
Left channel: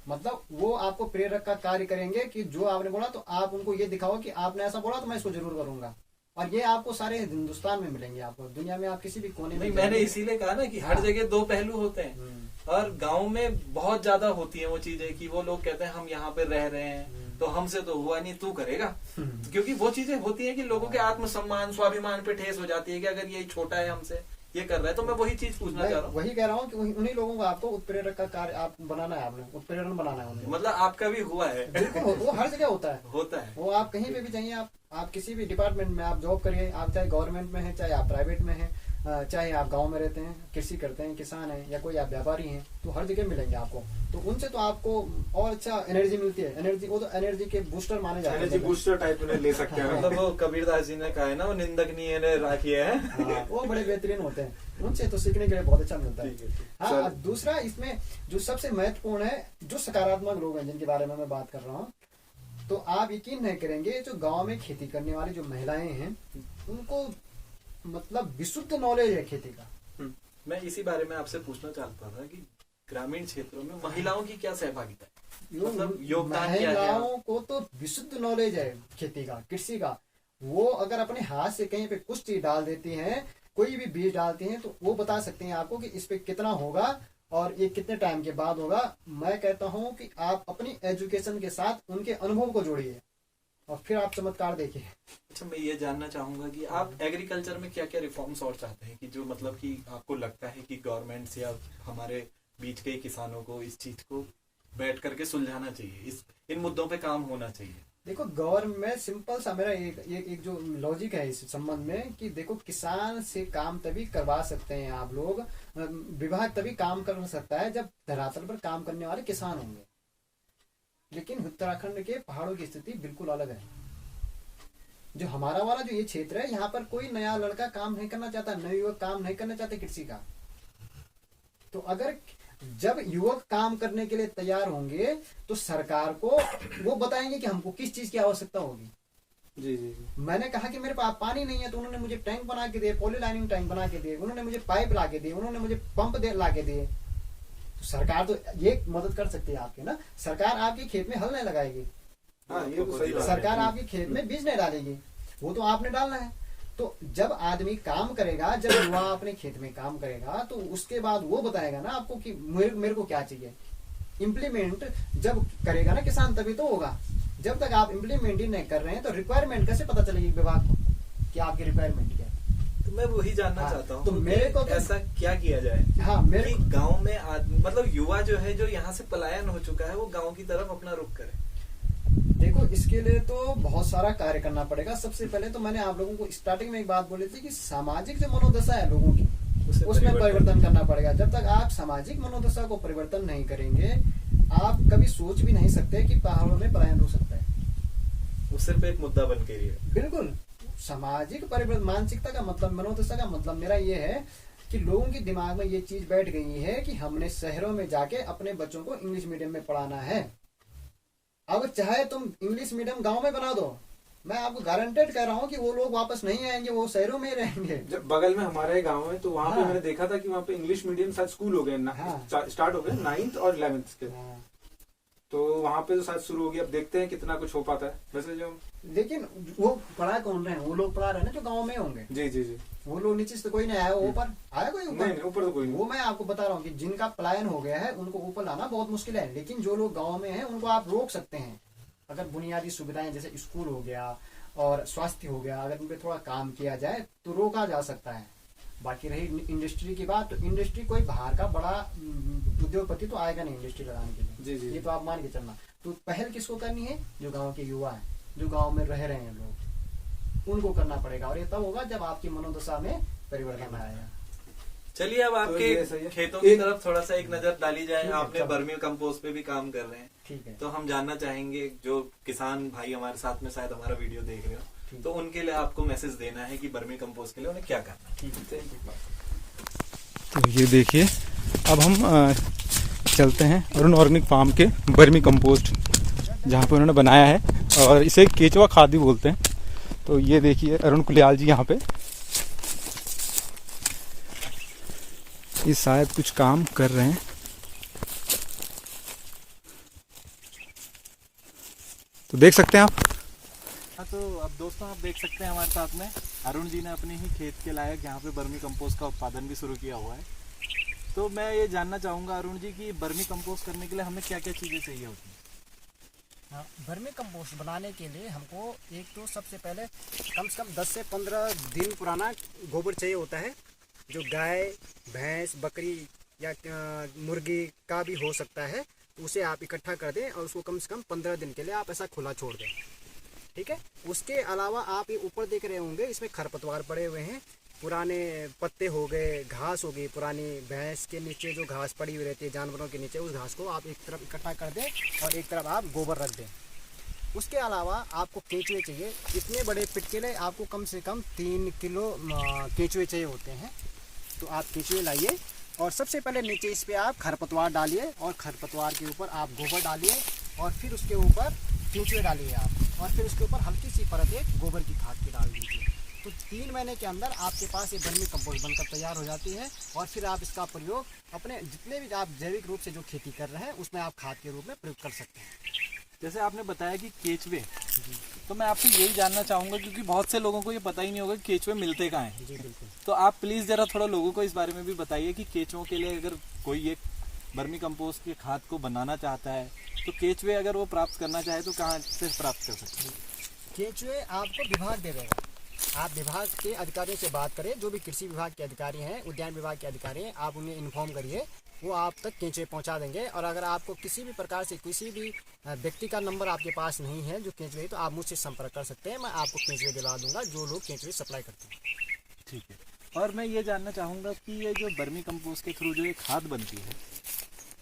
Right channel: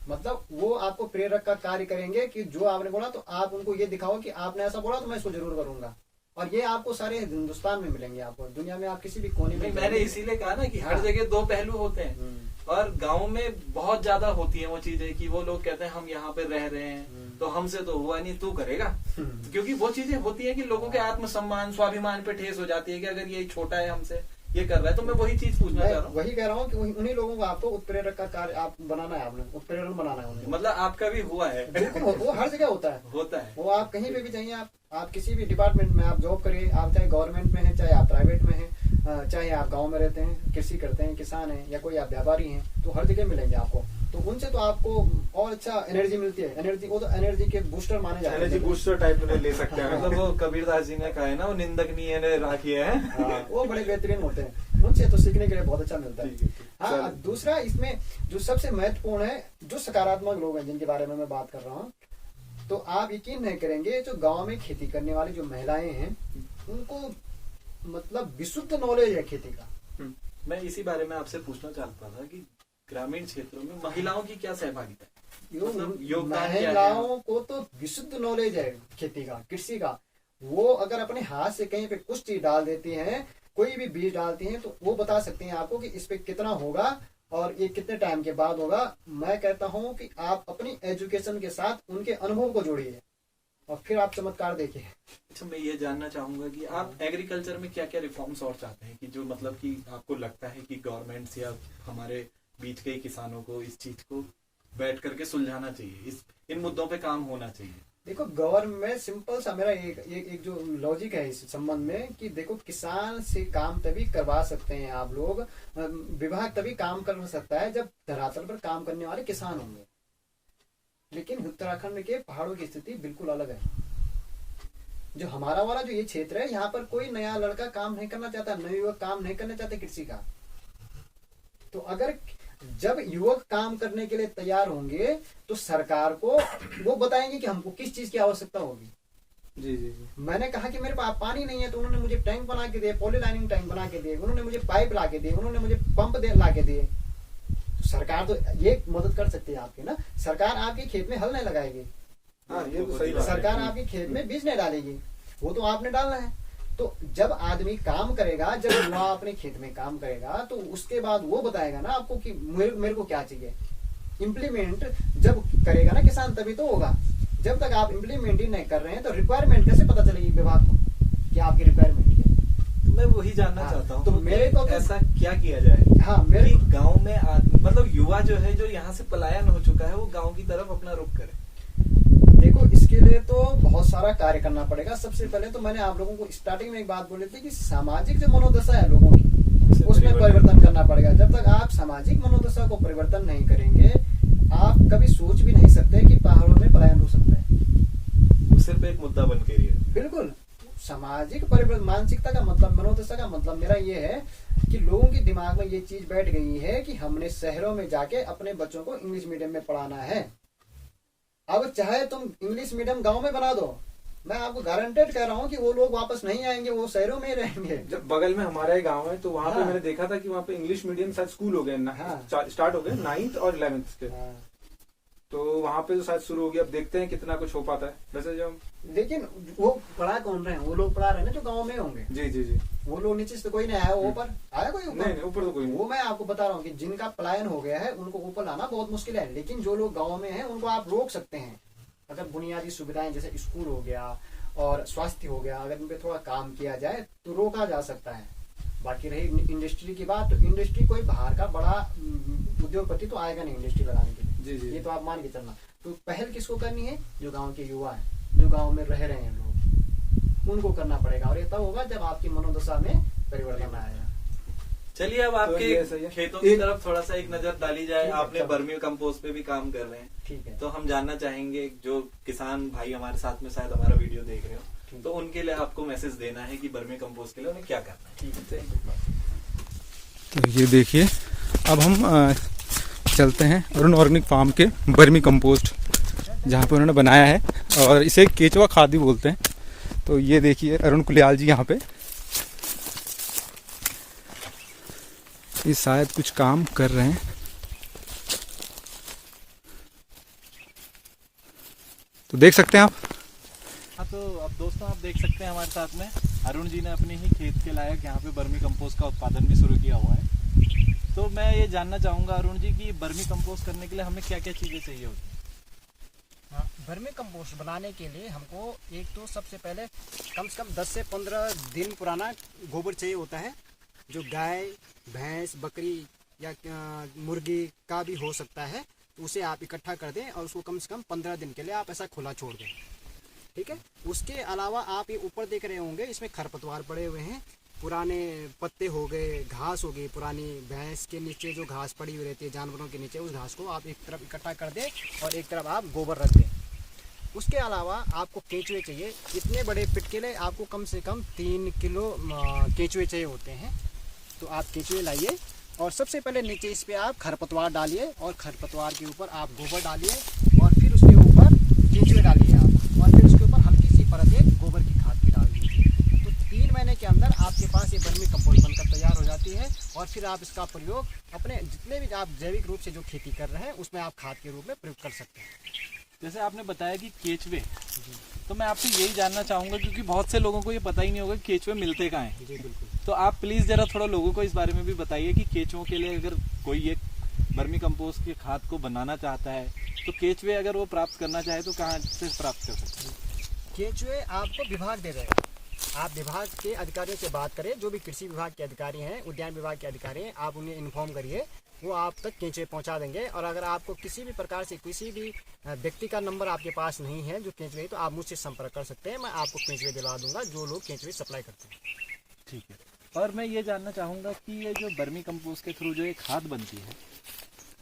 मतलब वो आपको प्रेरक का कार्य करेंगे कि जो आपने बोला तो आप उनको ये दिखाओ कि आपने ऐसा बोला तो मैं इसको जरूर करूंगा। और ये आपको सारे हिंदुस्तान में मिलेंगे, आपको दुनिया में आप किसी भी कोने में। मैंने इसीलिए कहा ना कि हर जगह 2 पहलू होते हैं और गांव में बहुत ज्यादा होती है वो चीजें कि वो लोग कहते हैं हम यहाँ पे रह रहे हैं तो हमसे तो हुआ नहीं, तू करेगा। क्योंकि वो चीजें होती है कि लोगों के आत्मसम्मान स्वाभिमान पे ठेस हो जाती है कि अगर ये छोटा है हमसे, ये कर रहा है। तो मैं वही चीज पूछना चाह रहा हूँ, वही कह रहा हूँ कि उन्हीं लोगों को आपको उत्प्रेरक का कार्य आप बनाना है, आपने उत्प्रेरण बनाना है उन्हें। मतलब आपका भी हुआ है? बिल्कुल, वो हर जगह होता है। वो आप कहीं पे भी चाहिए, आप किसी भी डिपार्टमेंट में आप जॉब करिए, आप चाहे गवर्नमेंट में है, चाहे आप प्राइवेट में है, चाहे आप गांव में रहते हैं, कृषि करते हैं, किसान हैं, या कोई आप व्यापारी हैं, तो हर जगह मिलेंगे आपको। तो उनसे तो आपको और अच्छा एनर्जी मिलती है। एनर्जी, वो तो एनर्जी के बूस्टर माने जाते हैं, एनर्जी बूस्टर टाइप में ले सकते हैं। मतलब वो कबीरदास जी ने कहा है ना, वो निंदक नहीं है राखी है। वो बड़े बेहतरीन होते हैं, उनसे तो सीखने के लिए बहुत अच्छा मिलता है। हाँ, दूसरा इसमें जो सबसे महत्वपूर्ण है, जो सकारात्मक लोग हैं जिनके बारे में मैं बात कर रहा हूँ, तो आप यकीन नहीं करेंगे, जो गांव में खेती करने वाली जो महिलाएं हैं उनको मतलब विशुद्ध नॉलेज है खेती का। मैं इसी बारे में आपसे पूछना चाहता था कि ग्रामीण क्षेत्रों में महिलाओं की क्या सहभागिता है, मतलब योगदान क्या है? महिलाओं को तो विशुद्ध नॉलेज है खेती का, कृषि का। वो अगर अपने हाथ से कहीं पे कुछ चीज डाल देती हैं, कोई भी बीज डालती हैं, तो वो बता सकती हैं आपको कि इस पे कितना होगा और ये कितने टाइम के बाद होगा। मैं कहता हूँ कि आप अपनी एजुकेशन के साथ उनके अनुभव को जोड़िए और फिर आप चमत्कार देखिए। अच्छा, मैं ये जानना चाहूंगा कि आप एग्रीकल्चर में क्या क्या रिफॉर्म्स और चाहते हैं कि जो मतलब कि आपको लगता है कि गवर्नमेंट या हमारे बीच के किसानों को इस चीज को बैठ करके सुलझाना चाहिए, इन मुद्दों पे काम होना चाहिए? देखो, गवर्नमेंट सिंपल सा मेरा एक जो लॉजिक है इस संबंध में कि देखो, किसान से काम तभी करवा सकते हैं आप लोग, विभाग तभी काम कर सकता है जब धरातल पर काम करने वाले किसान होंगे। लेकिन उत्तराखंड के पहाड़ों की स्थिति बिल्कुल अलग है। जो हमारा वाला जो ये क्षेत्र है, यहाँ पर कोई नया लड़का काम नहीं करना चाहता, नए युवक काम नहीं करना चाहते कृषि का। तो अगर जब युवक काम करने के लिए तैयार होंगे तो सरकार को वो बताएंगे कि हमको किस चीज की आवश्यकता होगी। जी जी जी। मैंने कहा कि मेरे पास पानी नहीं है, तो उन्होंने मुझे टैंक बना के दिए, पॉलीलाइनिंग टैंक बना के दिए, उन्होंने मुझे पाइप ला के दिए, उन्होंने मुझे पंप ला के दिए। तो सरकार तो ये मदद कर सकती है आपकी ना, सरकार आपके खेत में हल नहीं लगाएगी, हाँ ये तो सही बात है। सरकार आपके खेत में बीज नहीं डालेगी, वो तो आपने डालना है। तो जब आदमी काम करेगा, जब युवा अपने खेत में काम करेगा, तो उसके बाद वो बताएगा ना आपको कि मेरे को क्या चाहिए। इम्प्लीमेंट जब करेगा ना किसान, तभी तो होगा। जब तक आप इम्प्लीमेंट ही नहीं कर रहे हैं, तो रिक्वायरमेंट कैसे पता चलेगी विभाग को कि आपकी रिक्वायरमेंट क्या है। तो मैं वही जानना चाहता हूँ, तो मेरे को तो ऐसा क्या किया जाए हाँ मेरे कि गांव में आदमी, मतलब युवा जो है, जो यहाँ से पलायन हो चुका है, वो गांव की तरफ अपना रुख करे। देखो, इसके लिए तो बहुत सारा कार्य करना पड़ेगा। सबसे पहले तो मैंने आप लोगों को स्टार्टिंग में एक बात बोली थी कि सामाजिक जो मनोदशा है लोगों की, उसमें परिवर्तन करना पड़ेगा। जब तक आप सामाजिक मनोदशा को परिवर्तन नहीं करेंगे, आप कभी सोच भी नहीं सकते कि पहाड़ों में पलायन हो सकता है। वो सिर्फ एक मुद्दा बन के रही है। बिल्कुल, सामाजिक परिवर्तन, मानसिकता का मतलब, मनोदशा का मतलब मेरा ये है कि लोगों के दिमाग में ये चीज बैठ गई है कि हमने शहरों में जाके अपने बच्चों को इंग्लिश मीडियम में पढ़ाना है। अब चाहे तुम इंग्लिश मीडियम गांव में बना दो, मैं आपको गारंटेड कह रहा हूँ कि वो लोग वापस नहीं आएंगे, वो शहरों में ही रहेंगे। जब बगल में हमारा एक गाँव है, तो वहाँ पे हाँ। मैंने देखा था कि वहाँ पे इंग्लिश मीडियम शायद स्कूल हो गए ना, हाँ। स्टार्ट हो गए 9th और 11th के। तो वहाँ पे तो शायद शुरू हो गया। अब देखते हैं कितना कुछ हो पाता है। वैसे जो लेकिन वो पढ़ा कौन रहे हैं? वो लोग पढ़ा रहे हैं ना जो गाँव में होंगे। जी जी जी। वो लोग नीचे से तो कोई नहीं आया, ऊपर आया कोई? नहीं नहीं, ऊपर तो कोई नहीं। वो मैं आपको बता रहा हूँ कि जिनका पलायन हो गया है उनको ऊपर लाना बहुत मुश्किल है। लेकिन जो लोग गाँव में हैं उनको आप रोक सकते हैं, अगर बुनियादी सुविधाएं जैसे स्कूल हो गया और स्वास्थ्य हो गया, अगर उन पे थोड़ा काम किया जाए तो रोका जा सकता है। बाकी रही इंडस्ट्री की बात, तो इंडस्ट्री कोई बाहर का बड़ा उद्योगपति तो आएगा नहीं इंडस्ट्री लगाने के लिए। जी जी। ये तो आप मान के चलना। तो पहल किसको करनी है? जो गांव के युवा है, जो गांव में रह रहे हैं लोग, उनको करना पड़ेगा। और ये तब होगा जब आपकी मनोदशा में परिवर्तन आएगा। चलिए अब तो ये सही आपके है। खेतों की तरफ थोड़ा सा एक नजर डाली जाए। ठीक है, आपने चलो। बर्मी कंपोस्ट पे भी काम कर रहे हैं, ठीक है। तो हम जानना चाहेंगे, जो किसान भाई हमारे साथ में शायद हमारा वीडियो देख रहे हो, ठीक। तो उनके लिए आपको मैसेज देना है कि बर्मी कंपोस्ट के लिए उन्हें क्या करना है। ठीक है। तो ये देखिए, अब हम चलते हैं अरुण ऑर्गेनिक फार्म के बर्मी कंपोस्ट जहाँ पे उन्होंने बनाया है, और इसे केचुआ खाद भी बोलते हैं। तो ये देखिए अरुण कुलियाल जी यहाँ पे, ये शायद कुछ काम कर रहे हैं। तो देख सकते हैं आप। हाँ, तो अब दोस्तों आप देख सकते हैं हमारे साथ में अरुण जी ने अपने ही खेत के लायक यहाँ पे बर्मी कंपोस्ट का उत्पादन भी शुरू किया हुआ है। तो मैं ये जानना चाहूँगा अरुण जी कि बर्मी कंपोस्ट करने के लिए हमें क्या क्या चीज़ें चाहिए होती हैं? हाँ, वर्मी कंपोस्ट बनाने के लिए हमको एक तो सबसे पहले कम से कम 10 से 15 दिन पुराना गोबर चाहिए होता है, जो गाय, भैंस, बकरी या मुर्गी का भी हो सकता है। उसे आप इकट्ठा कर दें और उसको कम से कम 15 दिन के लिए आप ऐसा खुला छोड़ दें। ठीक है। उसके अलावा आप ये ऊपर देख रहे होंगे, इसमें खरपतवार पड़े हुए हैं, पुराने पत्ते हो गए, घास हो गई पुरानी, भैंस के नीचे जो घास पड़ी हुई रहती है, जानवरों के नीचे, उस घास को आप एक तरफ इकट्ठा कर दें और एक तरफ आप गोबर रख दें। उसके अलावा आपको केंचुए चाहिए। इतने बड़े पिट के लिए आपको कम से कम 3 किलो केंचुए चाहिए होते हैं। तो आप केंचुए लाइए और सबसे पहले नीचे इस पे आप खरपतवार डालिए और खरपतवार के ऊपर आप गोबर डालिए और फिर उसके ऊपर केंचुए डालिए आप, और फिर उसके ऊपर हल्की सी परत एक गोबर की खाद की डाल दीजिए। तो 3 महीने के अंदर आपके पास ये बर्मी कंपोस्ट बनकर तैयार हो जाती है। और फिर आप इसका प्रयोग अपने जितने भी आप जैविक रूप से जो खेती कर रहे हैं उसमें आप खाद के रूप में प्रयोग कर सकते हैं। जैसे आपने बताया कि केचुए, तो मैं आपसे यही जानना चाहूँगा क्योंकि बहुत से लोगों को ये पता ही नहीं होगा कि केचुए मिलते कहाँ हैं। जी बिल्कुल। तो आप प्लीज़ ज़रा थोड़ा लोगों को इस बारे में भी बताइए कि केचुओं के लिए अगर कोई एक बर्मी कंपोस्ट की खाद को बनाना चाहता है तो केचुए अगर वो प्राप्त करना चाहे तो कहाँ से प्राप्त कर सकते हैं? केंचुए आपको विभाग दे देगा। आप विभाग के अधिकारियों से बात करें, जो भी कृषि विभाग के अधिकारी हैं, उद्यान विभाग के अधिकारी हैं, आप उन्हें इन्फॉर्म करिए, वो आप तक केंचुए पहुंचा देंगे। और अगर आपको किसी भी प्रकार से किसी भी व्यक्ति का नंबर आपके पास नहीं है जो केंचुए, तो आप मुझसे संपर्क कर सकते हैं, मैं आपको केंचुए दिला दूंगा जो लोग केंचुए सप्लाई करते हैं। ठीक है। और मैं ये जानना चाहूँगा कि ये जो बर्मी कंपोस्ट के थ्रू जो ये खाद बनती है,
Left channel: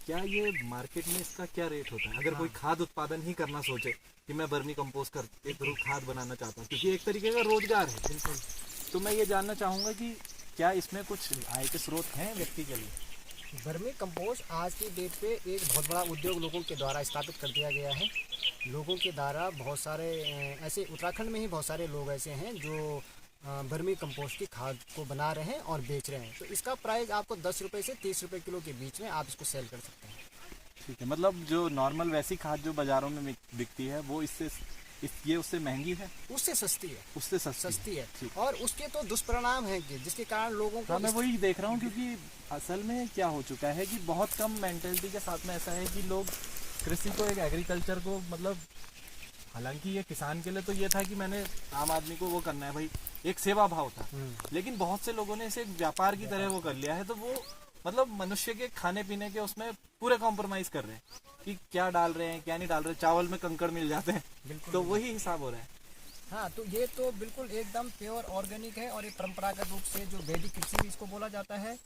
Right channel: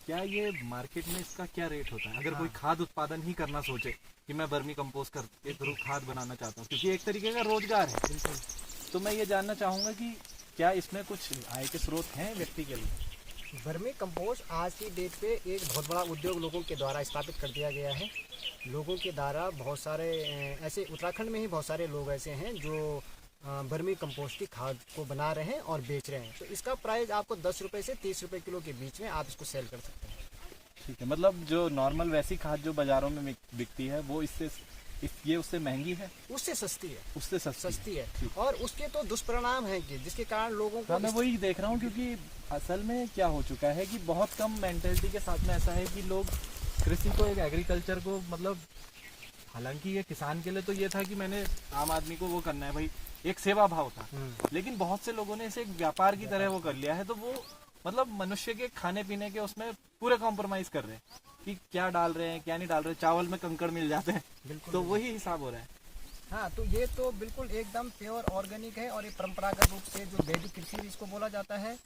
क्या ये मार्केट में इसका क्या रेट होता है? अगर कोई खाद उत्पादन ही करना सोचे कि मैं बर्मी कंपोस्ट के थ्रू खाद बनाना चाहता हूँ, क्योंकि एक तरीके का रोजगार है। बिल्कुल। तो मैं ये जानना चाहूँगा कि क्या इसमें कुछ आय के स्रोत हैं व्यक्ति के लिए? वर्मी कंपोस्ट आज की डेट पे एक बहुत बड़ा उद्योग लोगों के द्वारा स्थापित कर दिया गया है। लोगों के द्वारा बहुत सारे ऐसे उत्तराखंड में ही बहुत सारे लोग ऐसे हैं जो वर्मी कंपोस्ट की खाद को बना रहे हैं और बेच रहे हैं। तो इसका प्राइस आपको 10 रुपये से 30 रुपये किलो के बीच में आप इसको सेल कर सकते हैं। ठीक है, मतलब जो नॉर्मल वैसी खाद जो बाजारों में बिकती है वो ये उससे महंगी है, उससे सस्ती है, उससे सस्ती है। और उसके तो दुष्परिणाम हैं कि जिसके कारण लोगों को, मैं वही देख रहा हूँ क्योंकि असल में क्या हो चुका है कि बहुत कम मेंटेलिटी के साथ में ऐसा है कि लोग कृषि को, एक एग्रीकल्चर को, मतलब हालांकि ये किसान के लिए तो ये था कि मैंने आम आदमी को वो करना है भाई, एक सेवा भाव था, लेकिन बहुत से लोगों ने इसे एक व्यापार की तरह वो कर लिया है। तो वो मतलब मनुष्य के खाने पीने के उसमें पूरे कॉम्प्रोमाइज कर रहे हैं कि क्या डाल रहे हैं क्या नहीं डाल रहे, चावल में कंकड़ मिल जाते हैं, बिल्कुल, तो वही हिसाब हो रहा है। हाँ, तो ये तो बिल्कुल एकदम प्योर ऑर्गेनिक है और ये परंपरागत रूप से जो वैदिक कृषि भी इसको बोला जाता है,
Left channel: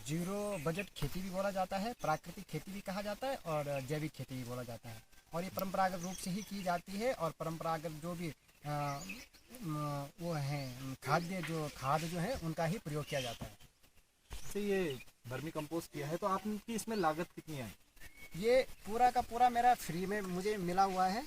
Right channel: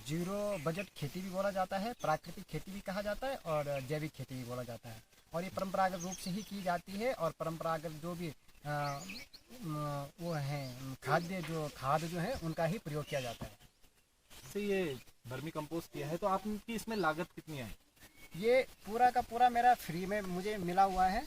जीरो बजट खेती भी बोला जाता है, प्राकृतिक खेती भी कहा जाता है और जैविक खेती भी बोला जाता है। और ये परंपरागत रूप से ही की जाती है और परंपरागत जो भी वो है खाद जो है उनका ही प्रयोग किया जाता है। से ये वर्मी कंपोस्ट किया है तो आपकी इसमें लागत कितनी आई? ये पूरा का पूरा मेरा फ्री में मुझे मिला हुआ है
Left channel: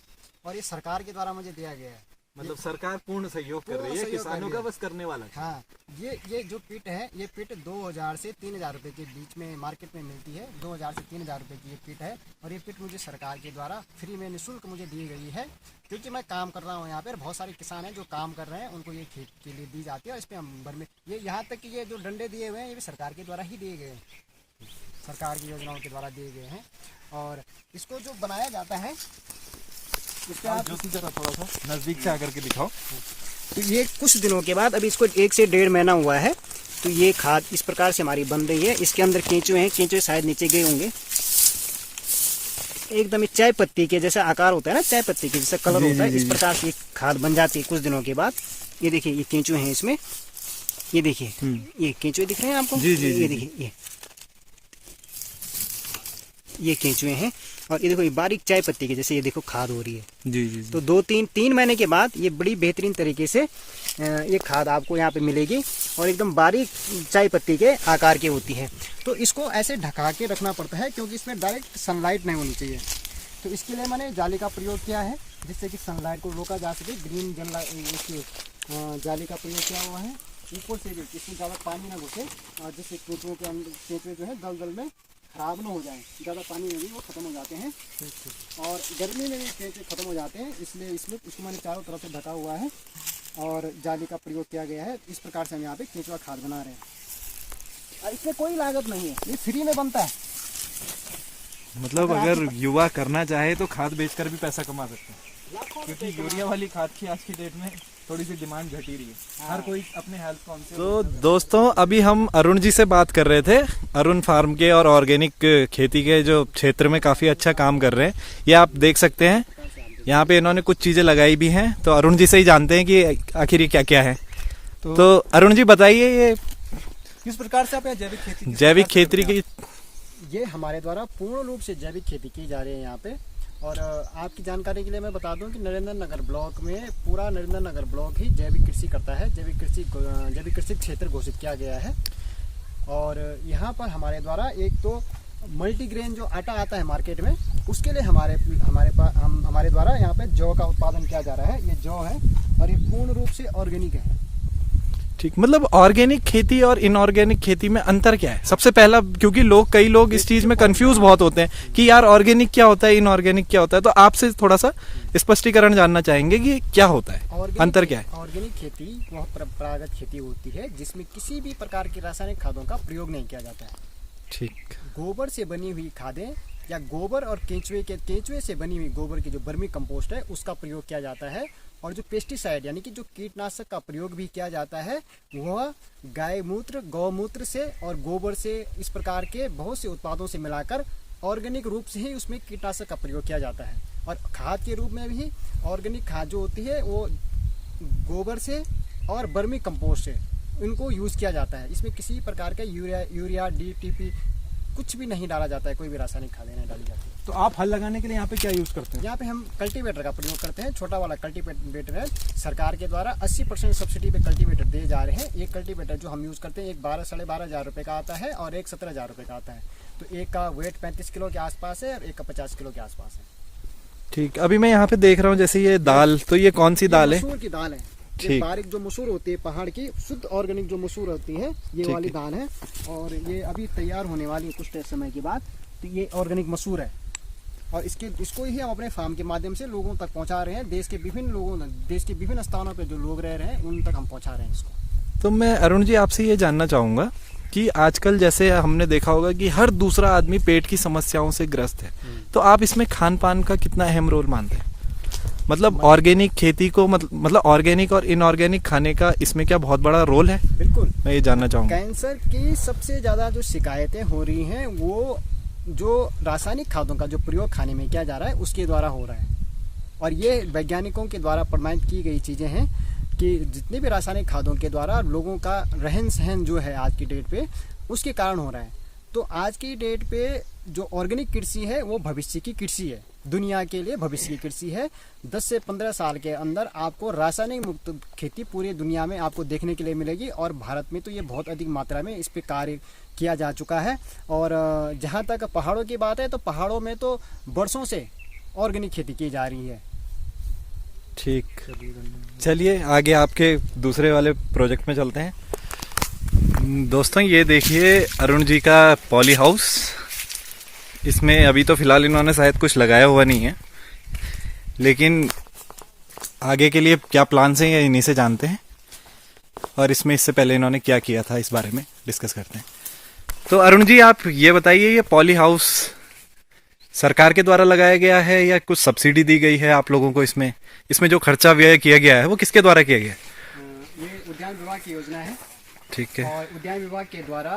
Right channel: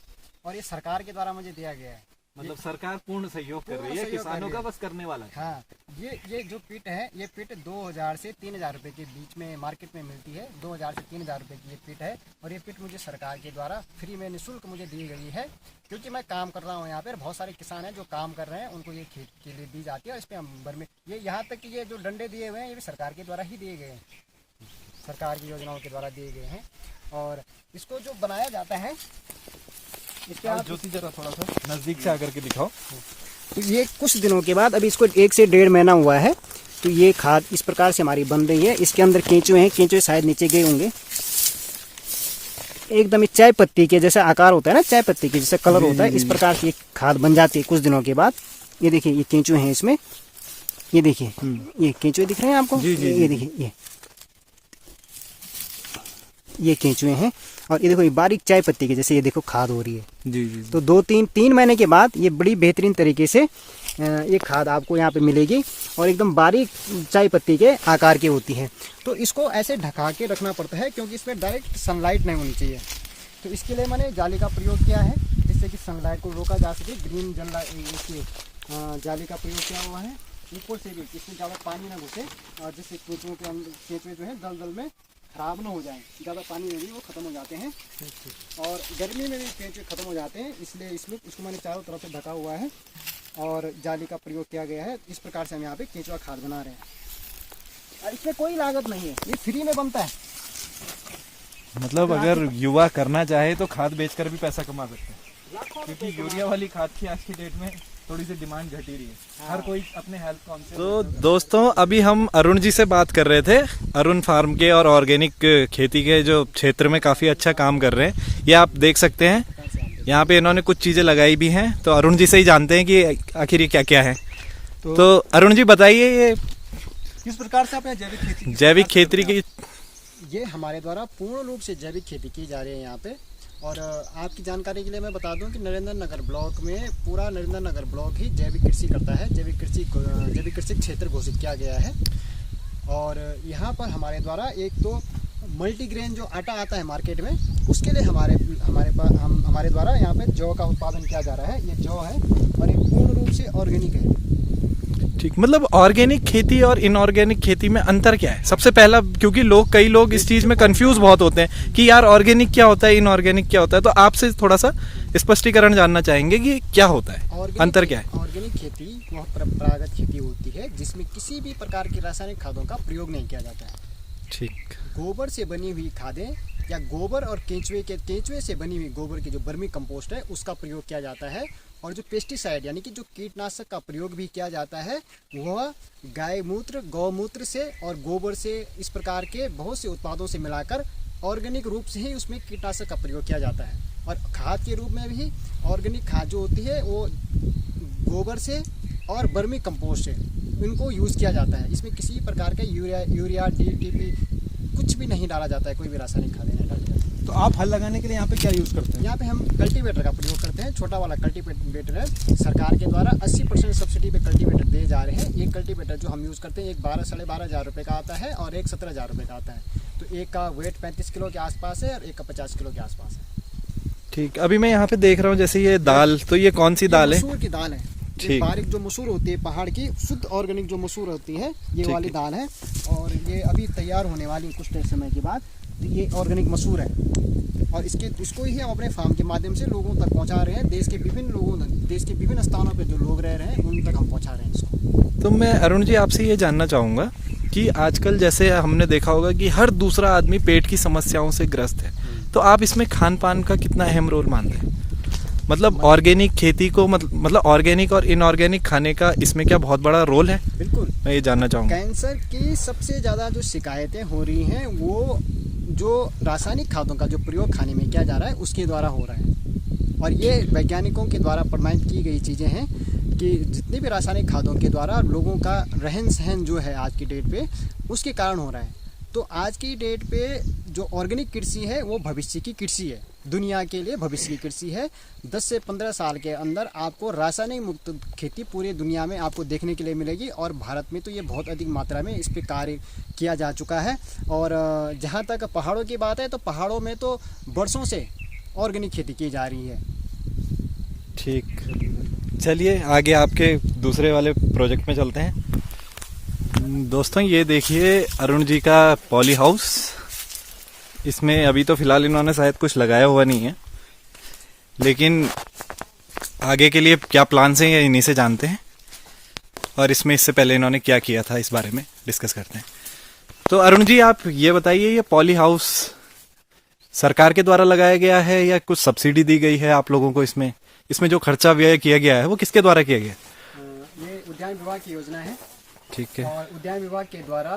और ये सरकार के द्वारा मुझे दिया गया है। मतलब सरकार पूर्ण सहयोग कर रही है, किसानों का बस करने वाला है। हाँ, ये जो पिट है, ये पिट 2000 से 3000 रुपए के बीच में मार्केट में मिलती है। 2000 से 3000 रुपए की ये पिट है और ये पिट मुझे सरकार के द्वारा फ्री में निःशुल्क मुझे दी गई है, क्योंकि मैं काम कर रहा हूँ यहाँ पर। बहुत सारे किसान हैं जो काम कर रहे हैं, उनको ये खेत के लिए दी जाती है और इस पर हम वर्मी, ये यहाँ तक कि ये जो डंडे दिए हुए हैं ये भी सरकार के द्वारा ही दिए गए हैं, सरकार की योजनाओं के द्वारा दिए गए हैं। और इसको जो बनाया जाता है, इस पे आप ज्योति जरा थोड़ा सा नजदीक से आकर के दिखाओ। तो ये कुछ दिनों के बाद, अभी इसको 1 से 1.5 महीना हुआ है, तो ये खाद इस प्रकार से हमारी बन रही है। इसके अंदर केंचुए हैं, केंचुए शायद नीचे गए होंगे। एकदम चाय पत्ती के जैसा आकार होता है ना, चाय पत्ती के जैसा कलर होता है, इस प्रकार की खाद बन जाती है कुछ दिनों के बाद। ये देखिए, ये केंचुए हैं इसमें, ये देखिए, ये केंचुए दिख रहे हैं आपको? ये देखिए, ये केंचुए हैं और ये देखो, ये बारीक चाय पत्ती के जैसे ये देखो खाद हो रही है। जी। तो 2-3 महीने के बाद ये बड़ी बेहतरीन तरीके से ये खाद आपको यहाँ पे मिलेगी और एकदम बारीक चाय पत्ती के आकार की होती है। तो इसको ऐसे ढका के रखना पड़ता है क्योंकि इसमें डायरेक्ट सनलाइट नहीं होनी चाहिए। तो इसके लिए मैंने जाली का प्रयोग किया है जिससे कि सनलाइट को रोका जा सके। ग्रीन जाली का प्रयोग किया हुआ है। ऊपर से भी इसमें ज़्यादा पानी ना घुसे और जिससे केंचुए जो है दलदल में खराब ना हो जाए। ज़्यादा पानी में भी वो खत्म हो जाते हैं और गर्मी में भी केंचुए खत्म हो जाते हैं, इसलिए इसको मैंने चारों तरफ से ढका हुआ है और जाली का प्रयोग किया गया है। इस प्रकार से हम यहाँ पे केंचुआ खाद बना रहे हैं और इसमें कोई लागत नहीं है, ये फ्री में बनता है। मतलब अगर युवा करना चाहे तो खाद बेचकर भी पैसा कमा सकते हैं, क्योंकि यूरिया वाली खाद की आज की डेट में थोड़ी सी डिमांड घट ही रही है। हर कोई अपने हेल्थ कॉन्शियस। तो दोस्तों, अभी हम अरुण जी से बात कर रहे थे। अरुण फार्म के और ऑर्गेनिक खेती के जो क्षेत्र में काफी अच्छा काम कर रहे हैं। ये आप देख सकते हैं, यहाँ पे इन्होंने कुछ चीजें लगाई भी हैं। तो अरुण जी से ही जानते हैं कि आखिर ये क्या क्या है। तो अरुण जी बताइए, ये किस प्रकार से आप जैविक खेती की? ये हमारे द्वारा पूर्ण रूप से जैविक खेती की जा रही है यहाँ पे। और आपकी जानकारी के लिए मैं बता दूं कि नरेंद्र नगर ब्लॉक में पूरा नरेंद्र नगर ब्लॉक ही जैविक कृषि करता है। जैविक कृषि क्षेत्र घोषित किया गया है। और यहाँ पर हमारे द्वारा एक तो मल्टीग्रेन जो आटा आता है मार्केट में, उसके लिए हमारे द्वारा यहाँ पे जौ का उत्पादन किया जा रहा है। ये जौ है और ये पूर्ण रूप से ऑर्गेनिक है। ठीक, मतलब ऑर्गेनिक खेती और इनऑर्गेनिक खेती में अंतर क्या है? सबसे पहला, क्योंकि कई लोग इस चीज में कंफ्यूज बहुत होते हैं कि यार ऑर्गेनिक क्या होता है, इनऑर्गेनिक क्या होता है। तो आपसे थोड़ा सा स्पष्टीकरण जानना चाहेंगे कि क्या होता है, अंतर क्या है? ऑर्गेनिक खेती वह परंपरागत खेती होती है जिसमें किसी भी प्रकार की रासायनिक खादों का प्रयोग नहीं किया जाता है। ठीक। गोबर से बनी हुई खादें या गोबर और केंचुए से बनी हुई गोबर की जो वर्मी कंपोस्ट है उसका प्रयोग किया जाता है। और जो पेस्टिसाइड यानी कि जो कीटनाशक का प्रयोग भी किया जाता है वह गाय मूत्र, गौमूत्र से और गोबर से, इस प्रकार के बहुत से उत्पादों से मिलाकर ऑर्गेनिक रूप से ही उसमें कीटनाशक का प्रयोग किया जाता है। और खाद के रूप में भी ऑर्गेनिक खाद जो होती है वो गोबर से और वर्मी कंपोस्ट से इनको यूज़ किया जाता है। इसमें किसी प्रकार का यूरिया DTP कुछ भी नहीं डाला जाता है, कोई भी रासायनिक खाद नहीं डाली जाती है। तो आप हल लगाने के लिए यहाँ पे क्या यूज करते हैं? यहाँ पे हम कल्टीवेटर का प्रयोग करते हैं। छोटा वाला कल्टीवेटर है, सरकार के द्वारा 80% सब्सिडी पे कल्टीवेटर दिए जा रहे हैं। एक कल्टीवेटर जो हम यूज करते हैं, एक 12-12.5 हजार रुपए का आता है और एक 17 हजार रुपए का आता है। तो एक का वेट 35 किलो के आसपास है और एक का 50 किलो के आसपास है। ठीक, अभी मैं यहाँ पे देख रहा हूँ जैसे ये दाल, तो ये कौन सी दाल है? मसूर की दाल है। ठीक। ये बारीक जो मसूर होती है, पहाड़ की शुद्ध ऑर्गेनिक जो मसूर होती है, ये वाली दाल है। और ये अभी तैयार होने वाली है कुछ समय के बाद। तो ये ऑर्गेनिक मसूर है और इसको ही हम अपने फार्म के माध्यम से लोगों तक पहुंचा रहे हैं। देश के विभिन्न स्थानों पे जो लोग रह रहे हैं उन तक हम पहुंचा रहे हैं इसको। तो मैं अरुण जी आपसे ये जानना चाहूंगा कि आजकल जैसे हमने देखा होगा कि हर दूसरा आदमी पेट की समस्याओं से ग्रस्त है, तो आप इसमें खान पान का कितना अहम रोल मानते हैं? मतलब ऑर्गेनिक खेती को मतलब ऑर्गेनिक और इनऑर्गेनिक खाने का इसमें क्या बहुत बड़ा रोल है? बिल्कुल, मैं ये जानना चाहूंगा। कैंसर की सबसे ज्यादा जो शिकायतें हो रही हैं वो जो रासायनिक खादों का जो प्रयोग खाने में किया जा रहा है उसके द्वारा हो रहा है। और ये वैज्ञानिकों के द्वारा प्रमाणित की गई चीजें हैं कि जितने भी रासायनिक खादों के द्वारा लोगों का रहन सहन जो है आज की डेट पे उसके कारण हो रहा है। तो आज की डेट पे जो ऑर्गेनिक कृषि है वो भविष्य की कृषि है, दुनिया के लिए भविष्य की कृषि है। 10 से 15 साल के अंदर आपको रासायनिक मुक्त खेती पूरी दुनिया में आपको देखने के लिए मिलेगी और भारत में तो ये बहुत अधिक मात्रा में इस पे कार्य किया जा चुका है। और जहाँ तक पहाड़ों की बात है तो पहाड़ों में तो वर्षों से ऑर्गेनिक खेती की जा रही है। ठीक, चलिए आगे आपके दूसरे वाले प्रोजेक्ट में चलते हैं। दोस्तों ये देखिए अरुण जी का पॉली हाउस। इसमें अभी तो फिलहाल इन्होंने शायद कुछ लगाया हुआ नहीं है, लेकिन आगे के लिए क्या प्लान्स हैं ये इन्हीं से जानते हैं। और इसमें इससे पहले इन्होंने क्या किया था इस बारे में डिस्कस करते हैं। तो अरुण जी आप ये बताइए, ये पॉली हाउस सरकार के द्वारा लगाया गया है या कुछ सब्सिडी दी गई है आप लोगों को? इसमें जो खर्चा व्यय किया गया है वो किसके द्वारा किया गया है? ये उद्यान विभाग की योजना है। ठीक है। और उद्यान विभाग के द्वारा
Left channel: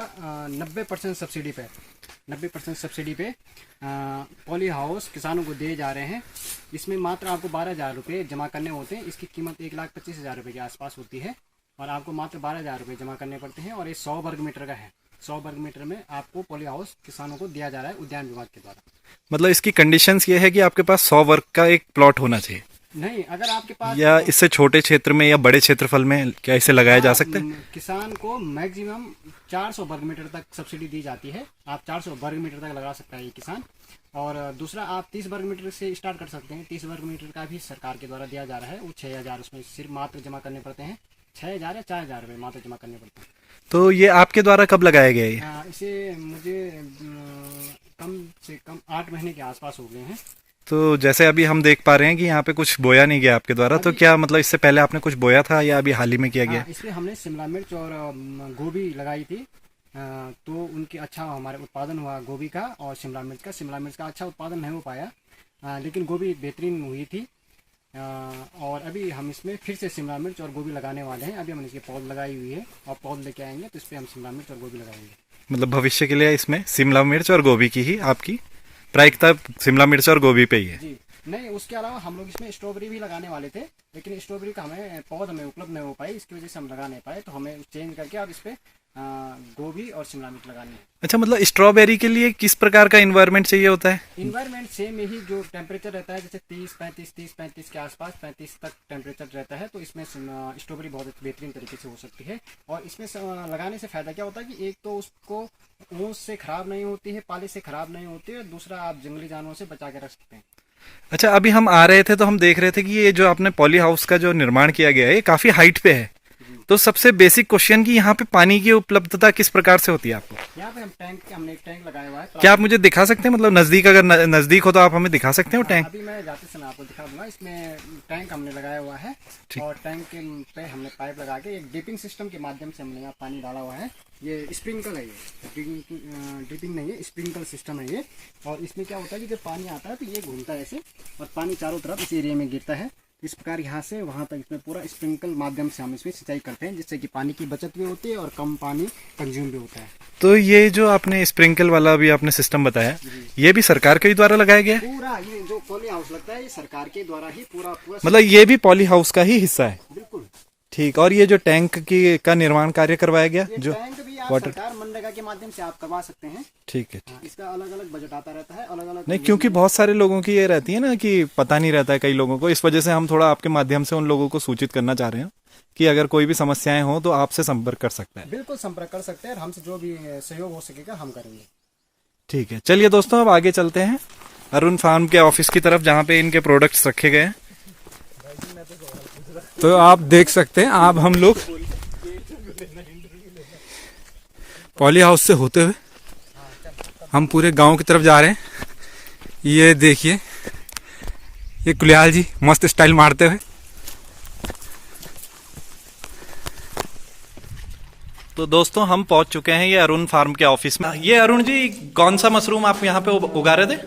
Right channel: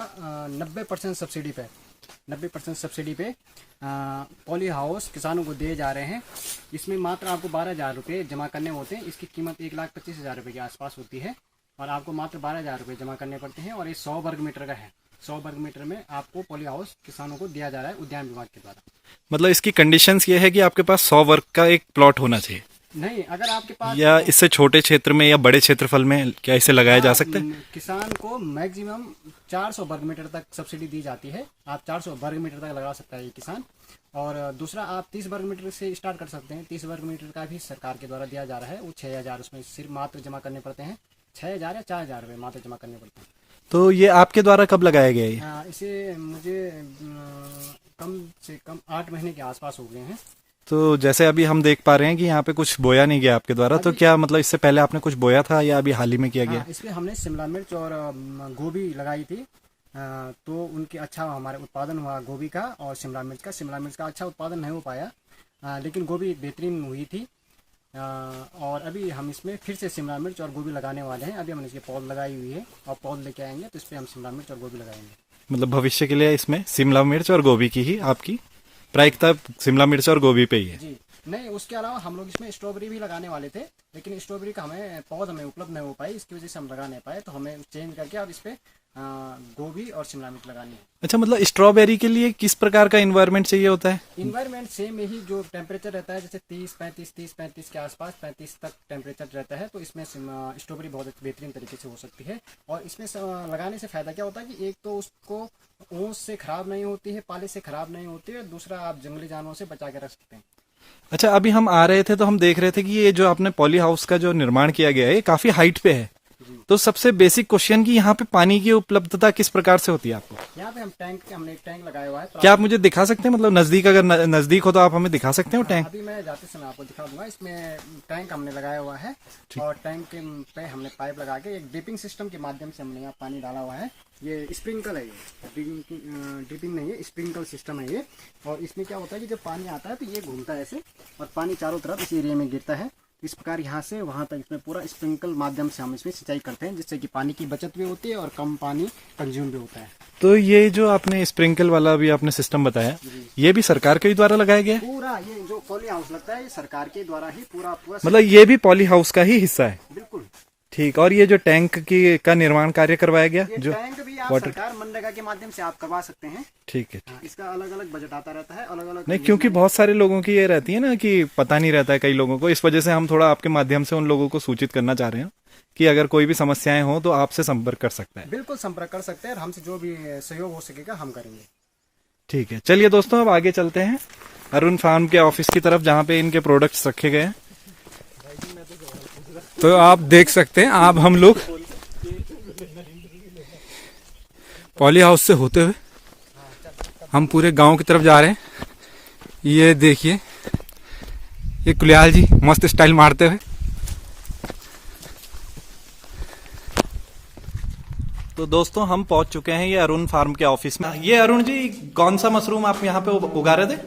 90% सब्सिडी पे पॉली हाउस किसानों को दिए जा रहे हैं। इसमें मात्र आपको 12 हजार रुपये जमा करने होते हैं। इसकी कीमत 1,25,000 रुपये के आसपास होती है और आपको मात्र 12 हजार रुपये जमा करने पड़ते हैं। और ये 100 वर्ग मीटर का है। 100 वर्ग मीटर में आपको पॉली हाउस किसानों को दिया जा रहा है उद्यान विभाग के द्वारा। मतलब इसकी कंडीशंस ये है कि आपके पास 100 वर्ग का एक प्लॉट होना चाहिए? नहीं, अगर आपके पास या इससे छोटे क्षेत्र में या बड़े क्षेत्रफल में क्या इसे लगाया जा सकता है? किसान को मैक्सिमम 400 वर्ग मीटर तक सब्सिडी दी जाती है। आप 400 वर्ग मीटर तक लगा सकता है ये किसान। और दूसरा आप 30 वर्ग मीटर से स्टार्ट कर सकते हैं। 30 वर्ग मीटर का भी सरकार के द्वारा दिया जा रहा है। वो 6,000 उसमें सिर्फ मात्र जमा करने पड़ते हैं। 6,000 या 4,000 रुपये मात्र जमा करने पड़ते हैं। तो ये आपके द्वारा कब लगाया गया है? इसे मुझे कम से कम 8 महीने के आसपास हो गए हैं। तो जैसे अभी हम देख पा रहे हैं कि यहाँ पे कुछ बोया नहीं गया आपके द्वारा, तो क्या मतलब इससे पहले आपने कुछ बोया था या अभी हाल ही में किया गया? इसमें हमने शिमला मिर्च और गोभी लगाई थी। तो उनके अच्छा हमारे उत्पादन हुआ गोभी का और शिमला मिर्च का। शिमला मिर्च का अच्छा उत्पादन नहीं हो पाया, लेकिन गोभी बेहतरीन हुई थी। और अभी हम इसमें फिर से शिमला मिर्च और गोभी लगाने वाले हैं। अभी हमने इसके पौध लगाई हुई है और पौध लेके आएंगे तो इस पर हम शिमला मिर्च और गोभी लगाएंगे। मतलब भविष्य के लिए इसमें शिमला मिर्च और गोभी की ही आपकी प्रायिकता शिमला मिर्च और गोभी पे ही है? जी नहीं, उसके अलावा हम लोग इसमें स्ट्रॉबेरी भी लगाने वाले थे, लेकिन स्ट्रॉबेरी का पौध हमें उपलब्ध नहीं हो पाई। इसकी वजह से हम लगा नहीं पाए, तो हमें चेंज करके अब इस पे गोभी और शिमला मिर्च लगानी है। अच्छा, मतलब स्ट्रॉबेरी के लिए किस प्रकार का इन्वायरमेंट चाहिए होता है? इन्वायरमेंट सेम यही जो टेम्परेचर रहता है, जैसे 30-35 के आसपास 35 तक टेम्परेचर रहता है, तो इसमें स्ट्रॉबेरी बहुत बेहतरीन तरीके से हो सकती है। और इसमें लगाने से फायदा क्या होता है कि एक तो उसको ओस से खराब नहीं होती है, पाले से खराब नहीं होती है, दूसरा आप जंगली जानवरों से बचा के रख सकते हैं। अच्छा, अभी हम आ रहे थे तो हम देख रहे थे कि ये जो आपने पॉली हाउस का जो निर्माण किया गया है ये काफी हाइट पे है। तो सबसे बेसिक क्वेश्चन कि यहाँ पे पानी की उपलब्धता किस प्रकार से होती है आपको? यहाँ पे हमने एक टैंक लगाया हुआ है। क्या आप मुझे दिखा सकते हैं? मतलब नजदीक, अगर नजदीक हो तो आप हमें दिखा सकते हैं वो टैंक? अभी मैं जाते समय आपको दिखा दूंगा। इसमें टैंक हमने लगाया हुआ है और टैंक पे हमने पाइप लगा के एक ड्रिपिंग सिस्टम के माध्यम से हमने यहाँ पानी डाला हुआ है। ये स्प्रिंकल है, ये ड्रिपिंग नहीं है, स्प्रिंकल सिस्टम है ये। और इसमें क्या होता है कि जब पानी आता है तो ये घूमता है ऐसे और पानी चारों तरफ इस एरिया में गिरता है। इस प्रकार यहाँ से वहाँ तक इसमें पूरा स्प्रिंकल माध्यम से हम इसमें सिंचाई करते हैं, जिससे कि पानी की बचत भी होती है और कम पानी कंज्यूम भी होता है। तो ये जो आपने स्प्रिंकल वाला भी आपने सिस्टम बताया, ये भी सरकार के द्वारा लगाया गया है? पूरा ये जो पॉली हाउस लगता है ये सरकार के द्वारा ही पूरा मतलब ये भी पॉली हाउस का ही हिस्सा है? बिल्कुल। ठीक, और ये जो टैंक का निर्माण कार्य करवाया गया, जो टैंक भी आप वाटर सरकार मनरेगा के माध्यम से आप करवा सकते हैं। ठीक है। इसका अलग अलग बजट आता रहता है, अलग अलग। नहीं, क्योंकि बहुत सारे लोगों की ये रहती है ना कि पता नहीं रहता है कई लोगों को, इस वजह से हम थोड़ा आपके माध्यम से उन लोगों को सूचित करना चाह रहे हैं कि अगर कोई भी समस्याएं हो तो आपसे संपर्क कर सकता है। बिल्कुल संपर्क कर सकते हैं और हमसे जो भी सहयोग हो सकेगा हम करेंगे। ठीक है, चलिए दोस्तों अब आगे चलते हैं अरुण फार्म के ऑफिस की तरफ, जहाँ पे इनके प्रोडक्ट्स रखे गए हैं। तो आप देख सकते हैं, आप हम लोग पॉली हाउस से होते हुए हम पूरे गांव की तरफ जा रहे हैं। ये देखिए, ये कुलियाल जी मस्त स्टाइल मारते हुए। तो दोस्तों हम पहुंच चुके हैं ये अरुण फार्म के ऑफिस में। ये अरुण जी, कौन सा मशरूम आप यहाँ पे उगा रहे थे?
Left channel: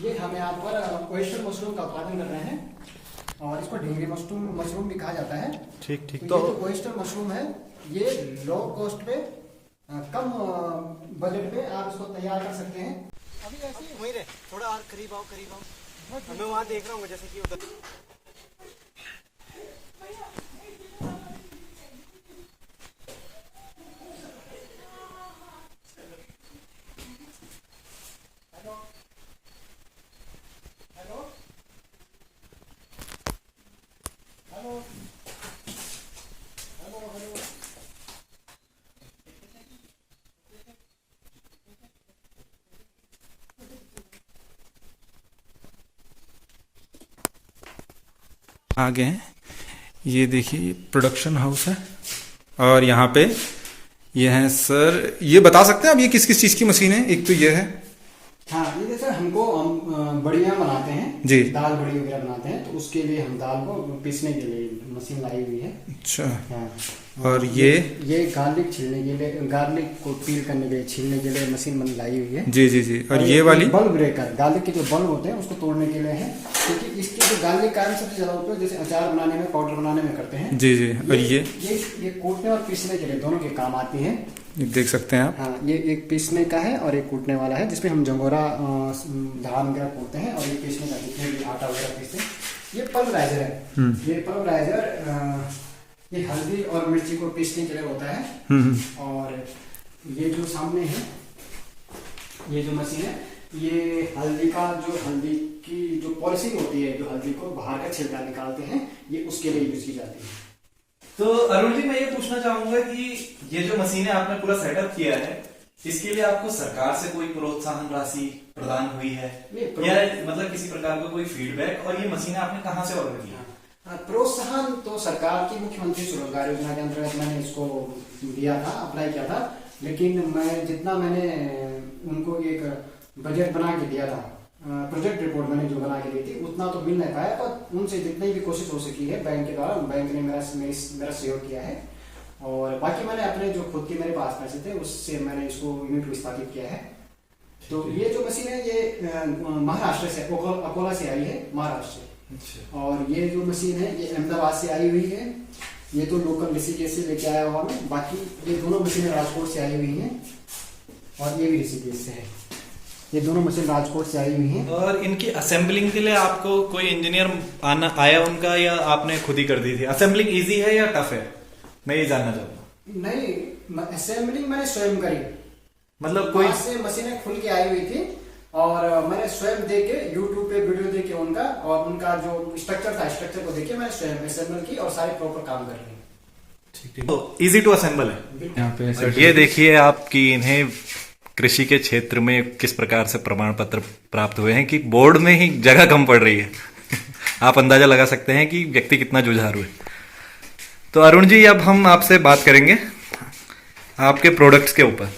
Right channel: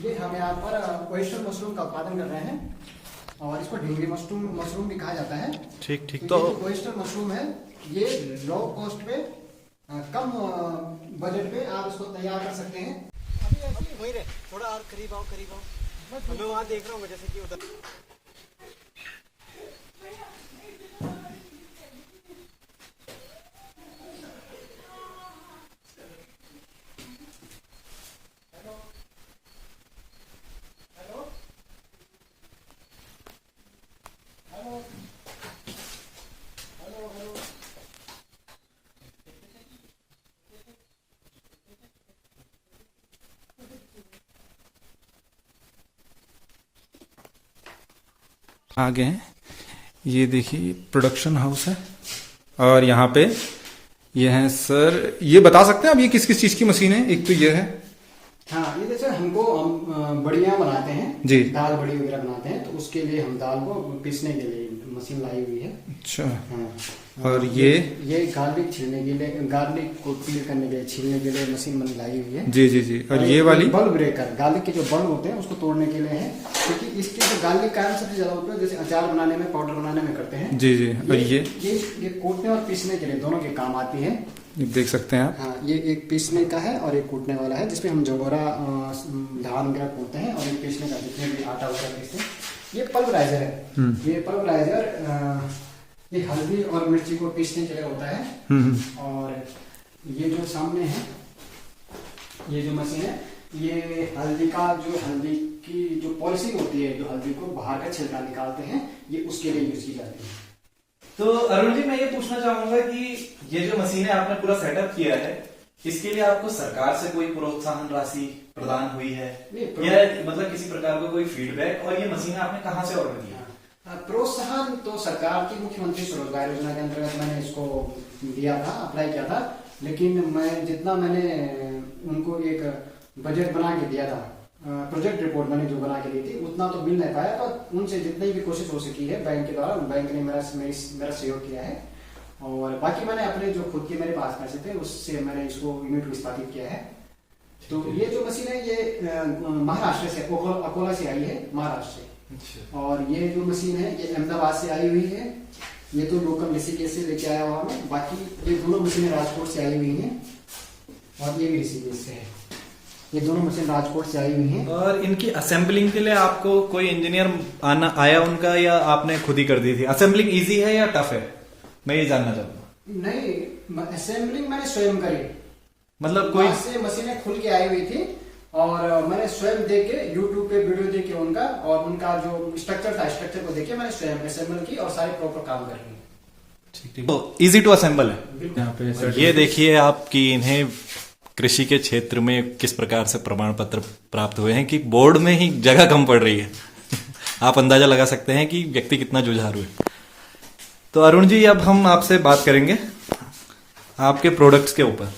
ये हम यहाँ पर ओयस्टर मशरूम का उत्पादन कर रहे हैं और इसको ढींगे मशरूम भी कहा जाता है। ठीक ठीक। तो तो ओयस्टर मशरूम है, ये लो कॉस्ट पे, कम बजट पे आप इसको तैयार कर सकते हैं। अभी ऐसे ही वहीं रहे, थोड़ा और करीब आओ। मैं वहाँ देख रहा हूँ जैसे कि उधर। आगे हैं, ये देखिए प्रोडक्शन हाउस है और यहाँ पे ये है सर, ये बता सकते हैं आप ये किस किस चीज की मशीन है? एक तो ये है, हाँ, ये जैसे हमको हम बड़ियाँ बनाते हैं जी, दाल बड़ी वगैरह बनाते हैं, तो उसके लिए हम दाल को पीसने के लिए मशीन लाई हुई है। अच्छा। हाँ। और ये गार्लिक छीलने के लिए, गार्लिक को पील करने के लिए, छीलने के लिए मशीन लाई हुई है। जी जी जी। और ये वाली बल्ब ब्रेकर, गार्लिक के जो बल्ब होते हैं उसको तोड़ने के लिए है, क्योंकि इसके जो गार्लिक का सबसे ज्यादा उपयोग जैसे अचार बनाने में, पाउडर बनाने में करते हैं। जी जी। और ये कूटने और पीसने के लिए दोनों के काम आती है। देख सकते हैं आप। हाँ, ये एक पीसने का है और एक कूटने वाला है, जिसमें हम जगोरा धान वगैरह कूटते हैं, और ये पीसने का जितने भी आटा वगैरह पीसते हैं। ये पल्वराइजर है। ये पल्वराइजर ये हल्दी और मिर्ची को पीसने के लिए होता है। और ये जो सामने है, ये जो मशीन है, ये हल्दी की जो पॉलिशिंग होती है, जो हल्दी को बाहर का छिलका निकालते हैं, ये उसके लिए यूज की जाती है। तो अरुण जी, मैं ये पूछना चाहूंगा कि ये जो मशीनें आपने पूरा सेटअप किया है, इसके लिए आपको सरकार से कोई प्रोत्साहन राशि प्रदान हुई है या मतलब किसी प्रकार का कोई फीडबैक? और ये मशीनें आपने कहाँ से ऑर्डर की? प्रोत्साहन तो सरकार की मुख्यमंत्री स्वरोजगार योजना के अंतर्गत मैंने इसको दिया था, अप्लाई किया था, लेकिन मैंने उनको एक बजट बना के दिया था, प्रोजेक्ट रिपोर्ट मैंने जो बना के दी थी, उतना तो मिल नहीं पाया, पर उनसे जितनी भी कोशिश हो सकी है बैंक के द्वारा, बैंक ने मेरा सहयोग किया है। और बाकी मैंने अपने जो खुद के मेरे पास पैसे थे उससे मैंने इसको यूनिट को स्थापित किया है। तो ये जो मशीन है ये महाराष्ट्र से, अकोला से आई है, महाराष्ट्र से। और ये जो मशीन है ये अहमदाबाद से आई हुई है। ये तो लोकल ऋषिकेश से लेके आया हुआ मैं। बाकी ये दोनों मशीनें राजकोट से आई हुई हैं और ये भी ऋषिकेश से है। ये दोनों मशीन राजकोट से आई हुई हैं। और इनकी असेंबलिंग के लिए आपको कोई इंजीनियर आया उनका, या आपने खुद ही कर दी थी? असेंबलिंग इजी है या टफ है, मैं ये जानना चाहता हूँ। नहीं, असेंबलिंग मैंने स्वयं करी, मतलब कोई से मशीनें खुल के आई हुई थी और मैंने स्वयं देख के यूट्यूब पे वीडियो देख के उनका, और उनका जो स्ट्रक्चर था, स्ट्रक्चर को देख के मैंने स्वयं असेंबल की और सारे प्रॉपर काम कर लिए। ठीक है, इजी टू असेंबल है यहाँ पे। ये देखिए आप कि इन्हें कृषि के क्षेत्र में किस प्रकार से प्रमाण पत्र प्राप्त हुए हैं कि बोर्ड में ही जगह कम पड़ रही है। आप अंदाजा लगा सकते हैं कि व्यक्ति कितना जुझारू है। तो अरुण जी, अब हम आपसे बात करेंगे आपके प्रोडक्ट्स के ऊपर।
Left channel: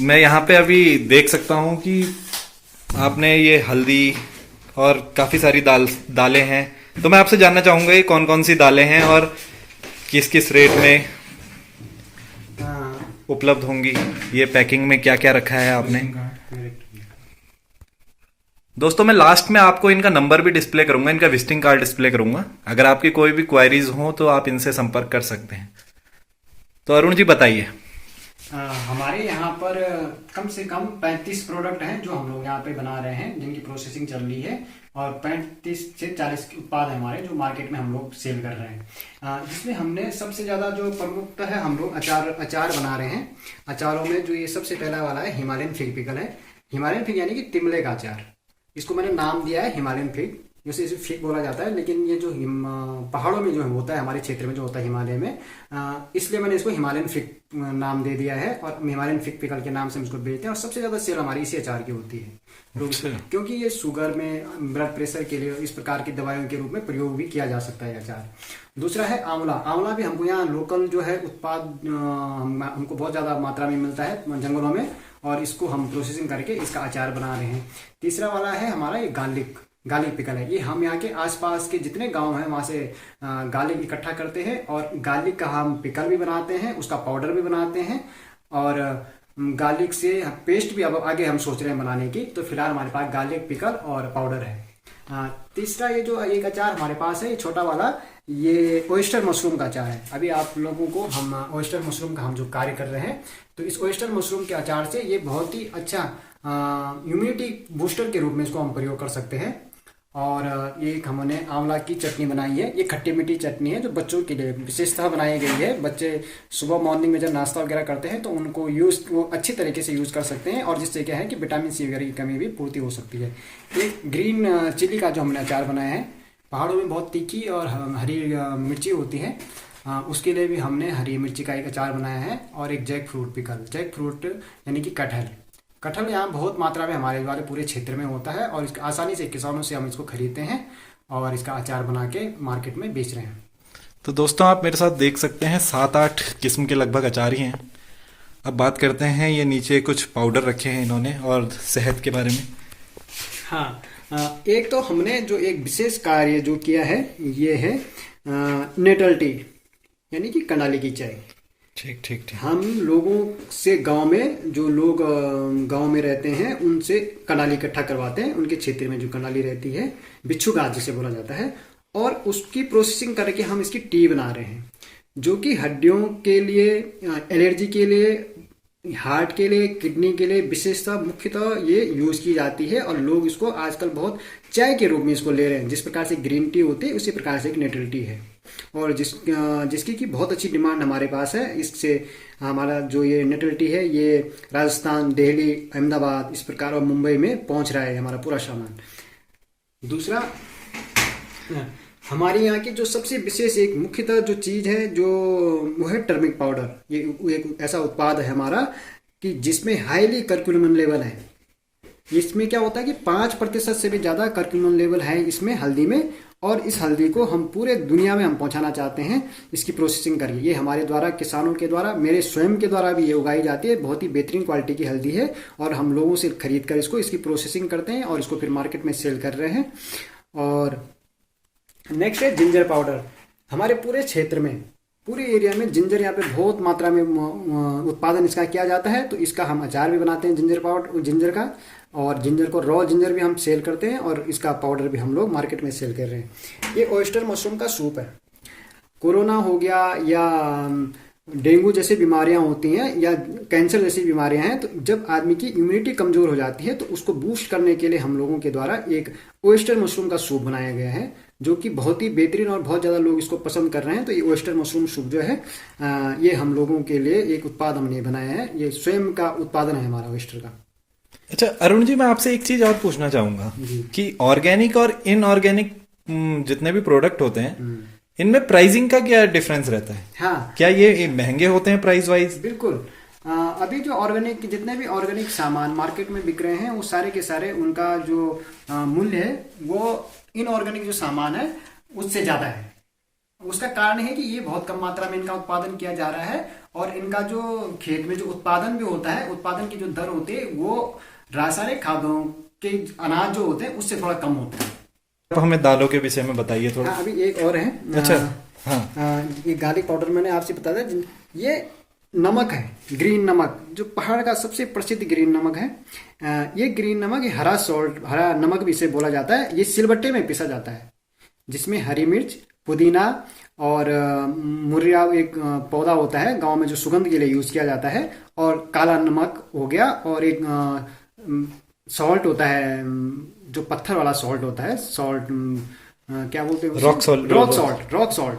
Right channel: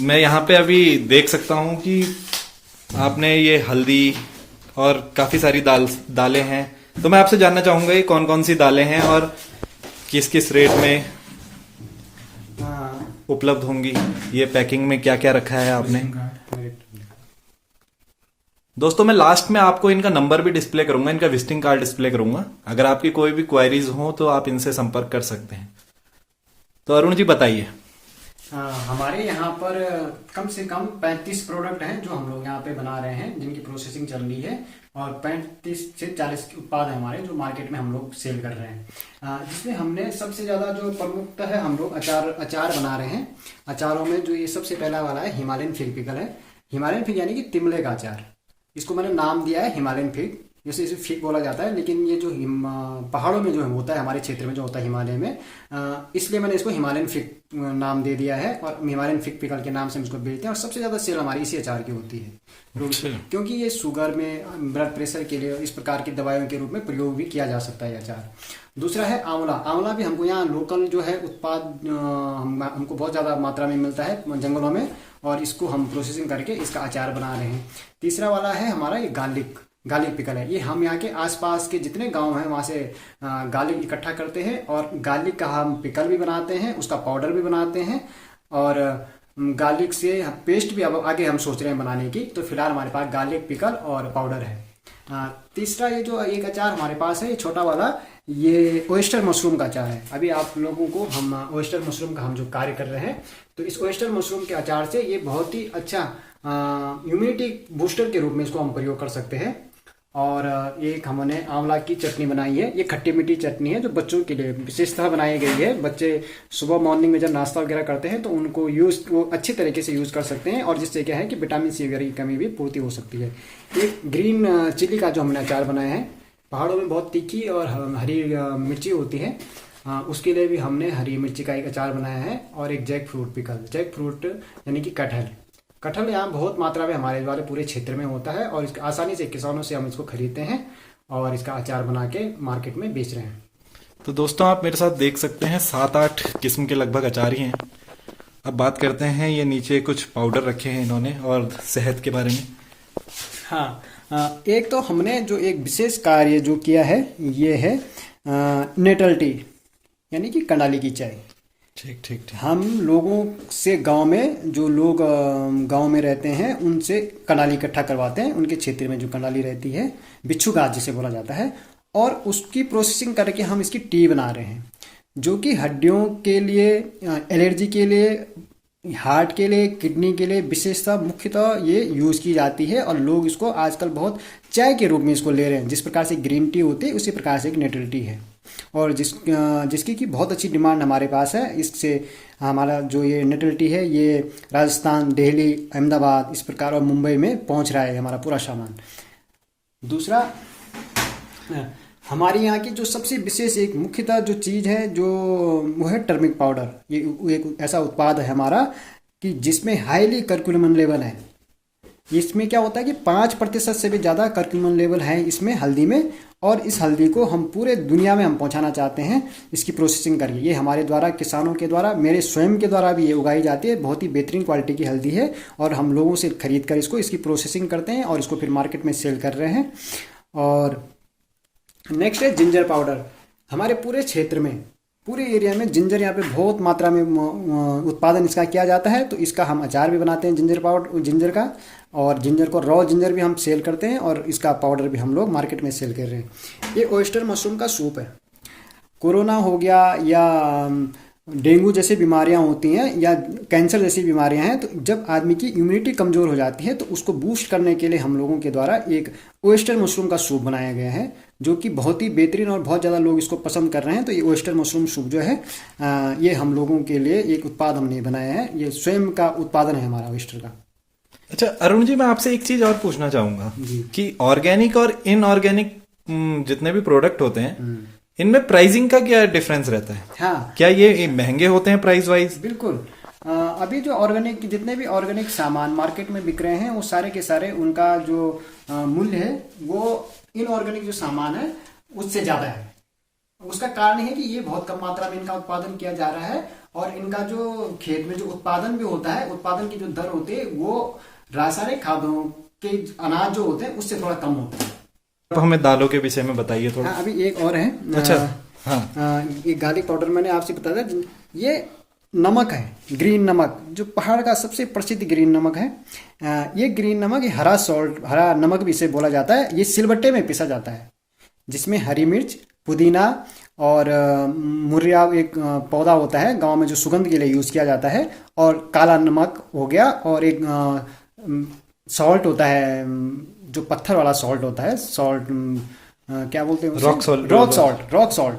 मैं यहाँ पे अभी देख सकता हूँ कि आपने ये हल्दी और काफी सारी दालें हैं, तो मैं आपसे जानना चाहूंगा ये कौन कौन सी दालें हैं और किस किस रेट में उपलब्ध होंगी, ये पैकिंग में क्या क्या रखा है आपने। दोस्तों मैं लास्ट में आपको इनका नंबर भी डिस्प्ले करूंगा, इनका विजिटिंग कार्ड डिस्प्ले करूंगा, अगर आपकी कोई भी क्वायरीज हो तो आप इनसे संपर्क कर सकते हैं। तो अरुण जी बताइए। हमारे यहाँ पर कम से कम 35 प्रोडक्ट हैं जो हम लोग यहाँ पे बना रहे हैं, जिनकी प्रोसेसिंग चल रही है। और 35 से 40 उत्पाद है हमारे जो मार्केट में हम लोग सेल कर रहे हैं। जिसमें हमने सबसे ज्यादा जो प्रमुखता है, हम लोग अचार बना रहे हैं। अचारों में जो ये सबसे पहला वाला है हिमालयन फिग पिकल है। हिमालयन फिग यानी कि तिमले का अचार, इसको मैंने नाम दिया है हिमालयन फिग। जैसे इसे फिग बोला जाता है, लेकिन ये जो पहाड़ों में जो होता है, हमारे क्षेत्र में जो होता है हिमालय में, इसलिए मैंने इसको हिमालयन फिग नाम दे दिया है और हिमालयन फिग पिकल के नाम से हम इसको बेचते हैं। और सबसे ज्यादा सेल हमारी इसी अचार की होती है, क्योंकि ये शुगर में, ब्लड प्रेशर के लिए, इस प्रकार की दवाइयों के रूप में प्रयोग भी किया जा सकता है अचार। दूसरा है आंवला। आंवला भी हमको यहाँ लोकल जो है उत्पाद हमको बहुत ज्यादा मात्रा में मिलता है जंगलों में, और इसको हम प्रोसेसिंग करके इसका अचार बना रहे हैं। तीसरा वाला है हमारा ये गार्लिक पिकल है। ये हम यहाँ के आसपास के जितने गांव हैं वहां से गार्लिक इकट्ठा करते हैं और गार्लिक का हम पिकल भी बनाते हैं, उसका पाउडर भी बनाते हैं, और गार्लिक से पेस्ट भी अब आगे हम सोच रहे हैं बनाने की। तो फिलहाल हमारे पास गार्लिक पिकल और पाउडर है। तीसरा ये जो एक अचार हमारे पास है, ये छोटा वाला, ये ओयस्टर मशरूम का अचार है। अभी आप लोगों को हम ओयस्टर मशरूम का हम जो कार्य कर रहे हैं, तो इस ओयस्टर मशरूम के अचार से ये बहुत ही अच्छा इम्यूनिटी बूस्टर के रूप में इसको हम प्रयोग कर सकते हैं। और एक हमने आंवला की चटनी बनाई है। ये खट्टी मीठी चटनी है जो बच्चों के लिए विशेषतः बनाई गई है। बच्चे सुबह मॉर्निंग में जब नाश्ता वगैरह करते हैं तो उनको वो अच्छी तरीके से यूज कर सकते हैं, और जिससे क्या है कि विटामिन सी वगैरह की कमी भी पूर्ति हो सकती है। एक ग्रीन चिली का जो हमने अचार बनाया है, पहाड़ों में बहुत तीखी और हरी मिर्ची होती है, उसके लिए भी हमने हरी मिर्ची का एक अचार बनाया है। और एक jackfruit pickle, jackfruit यानी कि कटहल यहाँ बहुत मात्रा में हमारे वाले पूरे क्षेत्र में होता है, और इसको आसानी से किसानों से हम इसको खरीदते हैं और इसका अचार बना के मार्केट में बेच रहे हैं। तो दोस्तों आप मेरे साथ देख सकते हैं 7-8 किस्म के लगभग अचार ही हैं। अब बात करते हैं, ये नीचे कुछ पाउडर रखे हैं इन्होंने और शहद के बारे में। हाँ, एक तो हमने जो एक विशेष कार्य जो किया है, ये है नेटल टी यानी कि कंडाली की चाय। ठीक। हम लोगों से गांव में, जो लोग गांव में रहते हैं, उनसे कंडाली इकट्ठा करवाते हैं। उनके क्षेत्र में जो कंडाली रहती है, बिच्छू घास जिसे बोला जाता है, और उसकी प्रोसेसिंग करके हम इसकी टी बना रहे हैं, जो कि हड्डियों के लिए, एलर्जी के लिए, हार्ट के लिए, किडनी के लिए विशेषतः मुख्यतः ये यूज की जाती है। और लोग इसको आजकल बहुत चाय के रूप में इसको ले रहे हैं। जिस प्रकार से ग्रीन टी होती है, उसी प्रकार से एक नेटल टी है, और जिसकी की बहुत अच्छी डिमांड हमारे पास है। इससे हमारा जो ये नेटल टी है, ये राजस्थान, दिल्ली, अहमदाबाद, इस प्रकार और मुंबई में पहुंच रहा है हमारा पूरा सामान। दूसरा, हमारे यहाँ की जो सबसे विशेष एक मुख्यतः जो चीज है, जो वो है टर्मिक पाउडर। ये एक ऐसा उत्पाद है हमारा कि जिसमें हाईली कर्क्यूमिन लेवल है। इसमें क्या होता है कि 5% से भी ज्यादा कर्क्यूमिन लेवल है इसमें हल्दी में, और इस हल्दी को हम पूरे दुनिया में हम पहुंचाना चाहते हैं इसकी प्रोसेसिंग करके। ये हमारे द्वारा, किसानों के द्वारा, मेरे स्वयं के द्वारा भी ये उगाई जाती है। बहुत ही बेहतरीन क्वालिटी की हल्दी है, और हम लोगों से खरीद कर इसकी प्रोसेसिंग करते हैं और इसको फिर मार्केट में सेल कर रहे हैं। और नेक्स्ट है जिंजर पाउडर। हमारे पूरे क्षेत्र में, पूरे एरिया में जिंजर यहाँ पे बहुत मात्रा में उत्पादन इसका किया जाता है। तो इसका हम अचार भी बनाते हैं जिंजर का, और जिंजर को रॉ जिंजर भी हम सेल करते हैं, और इसका पाउडर भी हम लोग मार्केट में सेल कर रहे हैं। ये ओयस्टर मशरूम का सूप है। कोरोना हो गया या डेंगू जैसी बीमारियां होती हैं, या कैंसर जैसी बीमारियां हैं, तो जब आदमी की इम्यूनिटी कमजोर हो जाती है, तो उसको बूस्ट करने के लिए हम लोगों के द्वारा एक ओयस्टर मशरूम का सूप बनाया गया है, जो कि बहुत ही बेहतरीन और बहुत ज़्यादा लोग इसको पसंद कर रहे हैं। तो ये ओयस्टर मशरूम सूप जो है, ये हम लोगों के लिए एक उत्पाद हमने बनाया है। ये स्वयं का उत्पादन है हमारा ओयस्टर का। अच्छा अरुण जी, मैं आपसे एक चीज और पूछना चाहूंगा कि ऑर्गेनिक और इनऑर्गेनिक जितने भी प्रोडक्ट होते हैं, इनमें प्राइसिंग का क्या डिफरेंस रहता है? हाँ, क्या ये महंगे होते हैं प्राइस वाइज? बिल्कुल। अभी जो ऑर्गेनिक, जितने भी ऑर्गेनिक सामान मार्केट में बिक रहे हैं, वो सारे के सारे उनका जो मूल्य है, वो इनऑर्गेनिक जो सामान है उससे ज्यादा है। उसका कारण है कि ये बहुत कम मात्रा में इनका उत्पादन किया जा रहा है, और इनका जो खेत में जो उत्पादन भी होता है, उत्पादन की जो दर होती है, वो रासायनिक खादों के अनाज जो होते हैं उससे थोड़ा कम होता है। तो हमें दालों के विषय में बताइए थोड़ा। हाँ, अभी एक और है। अच्छा, हाँ, ये गार्लिक पाउडर मैंने आपसे बताया था। ये नमक है, ग्रीन नमक, जो पहाड़ का सबसे प्रसिद्ध ग्रीन नमक है। ये ग्रीन नमक, ये हरा नमक भी इसे बोला जाता है। ये सिलबट्टे में पिसा जाता है, जिसमें हरी मिर्च, पुदीना और मुर्रा एक पौधा होता है गांव में जो सुगंध के लिए यूज किया जाता है, और काला नमक हो गया, और एक सॉल्ट होता है, जो पत्थर वाला सॉल्ट होता है, सॉल्ट क्या बोलते हैं, रॉक सॉल्ट,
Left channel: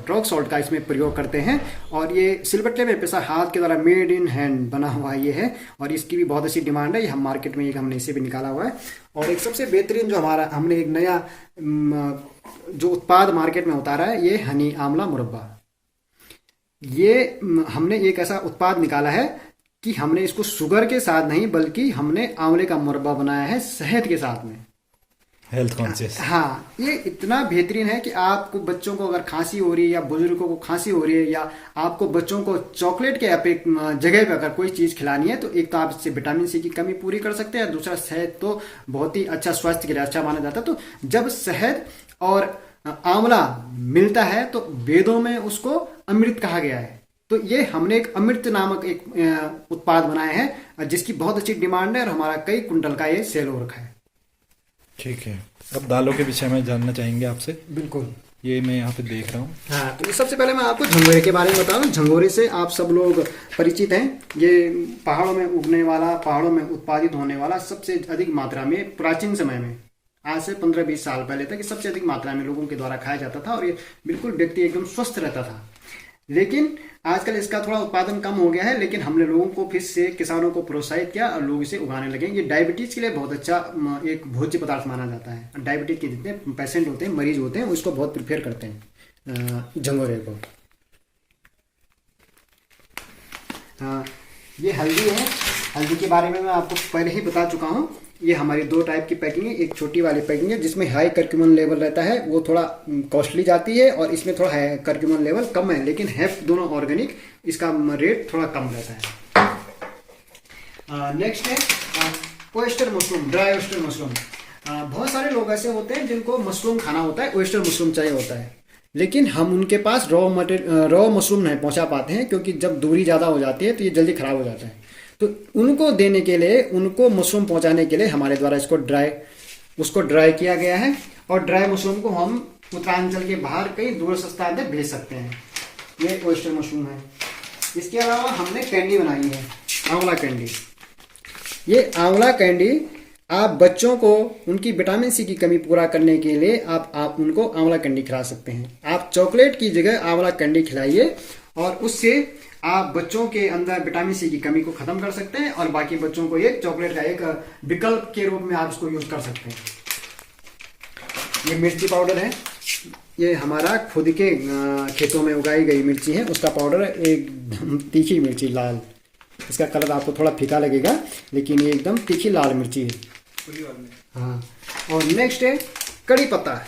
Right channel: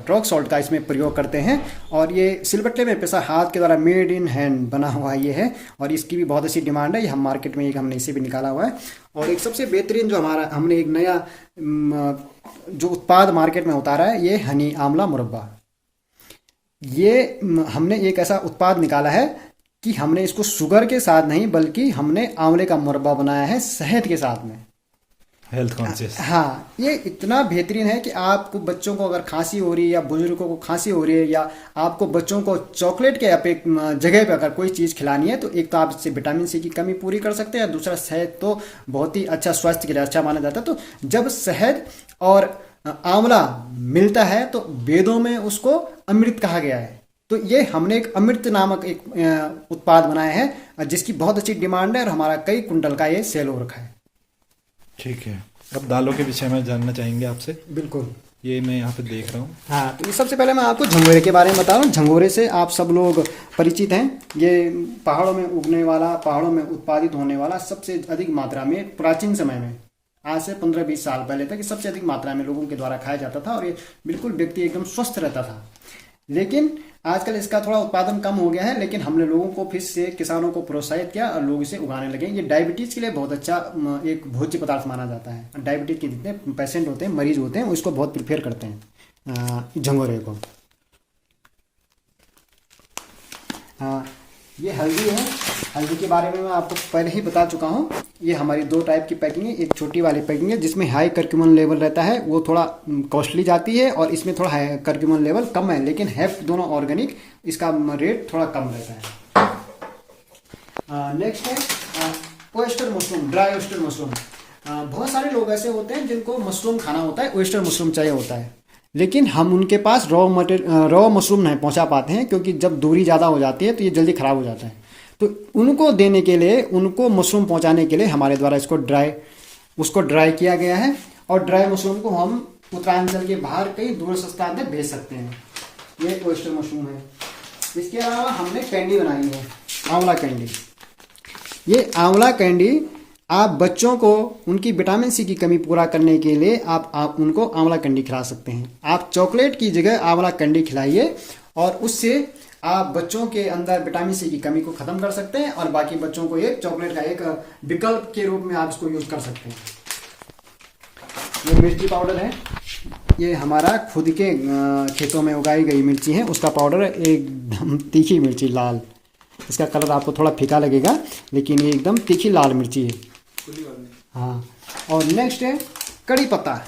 रॉक सॉल्ट का इसमें प्रयोग करते हैं। और ये सिलबट्टे में पिसा हाथ के द्वारा मेड इन हैंड बना हुआ ये है, और इसकी भी बहुत अच्छी डिमांड है। ये हम मार्केट में हमने इसे भी निकाला हुआ है। और एक सबसे बेहतरीन जो हमने एक नया जो उत्पाद मार्केट में उतारा है, ये हनी आंवला मुरब्बा। ये हमने एक ऐसा उत्पाद निकाला है कि हमने इसको शुगर के साथ नहीं, बल्कि हमने आंवले का मुरब्बा बनाया है शहद के साथ में, हेल्थ कॉन्शियस। हाँ, ये इतना बेहतरीन है कि आपको बच्चों को अगर खांसी हो रही है या बुजुर्गों को खांसी हो रही है, या आपको बच्चों को चॉकलेट के जगह पर अगर कोई चीज़ खिलानी है, तो एक तो आप इससे विटामिन सी की कमी पूरी कर सकते हैं, दूसरा शहद तो बहुत ही अच्छा, स्वास्थ्य के लिए अच्छा माना जाता है। तो जब शहद और आंवला मिलता है तो वेदों में उसको अमृत कहा गया है। तो ये हमने एक अमृत नामक एक उत्पाद बनाया है जिसकी बहुत अच्छी डिमांड है, और हमारा कई कुंटल का ये सेल हो रखा है। ठीक है, अब दालों के विषय में जानना चाहेंगे आपसे। बिल्कुल, ये मैं यहाँ पे देख रहा हूँ। हाँ, तो सबसे पहले मैं आपको झंगोरे के बारे में बता रहा हूँ। झंगोरे से आप सब लोग परिचित हैं। ये पहाड़ों में उगने वाला, पहाड़ों में उत्पादित होने वाला, सबसे अधिक मात्रा में प्राचीन समय में, आज से 15-20 साल पहले तक सबसे अधिक मात्रा में लोगों के द्वारा खाया जाता था, और ये बिल्कुल व्यक्ति एकदम स्वस्थ रहता था। लेकिन आजकल इसका थोड़ा उत्पादन कम हो गया है, लेकिन हमने लोगों को फिर से, किसानों को प्रोत्साहित किया और लोग इसे उगाने लगे। ये डायबिटीज के लिए बहुत अच्छा एक भोज्य पदार्थ माना जाता है। डायबिटीज के जितने पेशेंट होते हैं, मरीज होते हैं, उसको बहुत प्रिफेयर करते हैं झंगोरे को। ये हल्दी है। हल्दी के बारे में मैं आपको पहले ही बता चुका हूँ। ये हमारी 2 टाइप की पैकिंग है। एक छोटी वाली पैकिंग है जिसमें हाई करक्यूमिन लेवल रहता है, वो थोड़ा कॉस्टली जाती है, और इसमें थोड़ा हाई करक्यूमिन लेवल कम है, लेकिन है दोनों ऑर्गेनिक, इसका रेट थोड़ा कम रहता है। नेक्स्ट है oyster mushroom, dry oyster mushroom. बहुत सारे लोग ऐसे होते हैं जिनको मशरूम खाना होता है, ओयस्टर मशरूम चाहिए होता है, लेकिन हम उनके पास रॉ मशरूम नहीं पहुंचा पाते हैं, क्योंकि जब दूरी ज़्यादा हो जाती है तो ये जल्दी खराब हो जाते हैं। तो उनको देने के लिए, उनको मशरूम पहुंचाने के लिए हमारे द्वारा उसको ड्राई किया गया है, और ड्राई मशरूम को हम उत्तरांचल के बाहर कई दूर सस्ता तक भेज सकते हैं। ये ओयस्टर मशरूम है। इसके अलावा हमने कैंडी बनाई है, आंवला कैंडी। ये आंवला कैंडी आप बच्चों को उनकी विटामिन सी की कमी पूरा करने के लिए आप उनको आंवला कैंडी खिला सकते हैं। आप चॉकलेट की जगह आंवला कैंडी खिलाइए, और उससे आप बच्चों के अंदर विटामिन सी की कमी को खत्म कर सकते हैं, और बाकी बच्चों को ये चॉकलेट का एक विकल्प के रूप में आप इसको यूज कर सकते हैं। ये मिर्ची पाउडर है। ये हमारा खुद के खेतों में उगाई गई मिर्ची है, उसका पाउडर है। एकदम तीखी मिर्ची, लाल। इसका कलर आपको थोड़ा फीका लगेगा, लेकिन ये एकदम तीखी लाल मिर्ची है। हाँ, और नेक्स्ट है कड़ी पत्ता।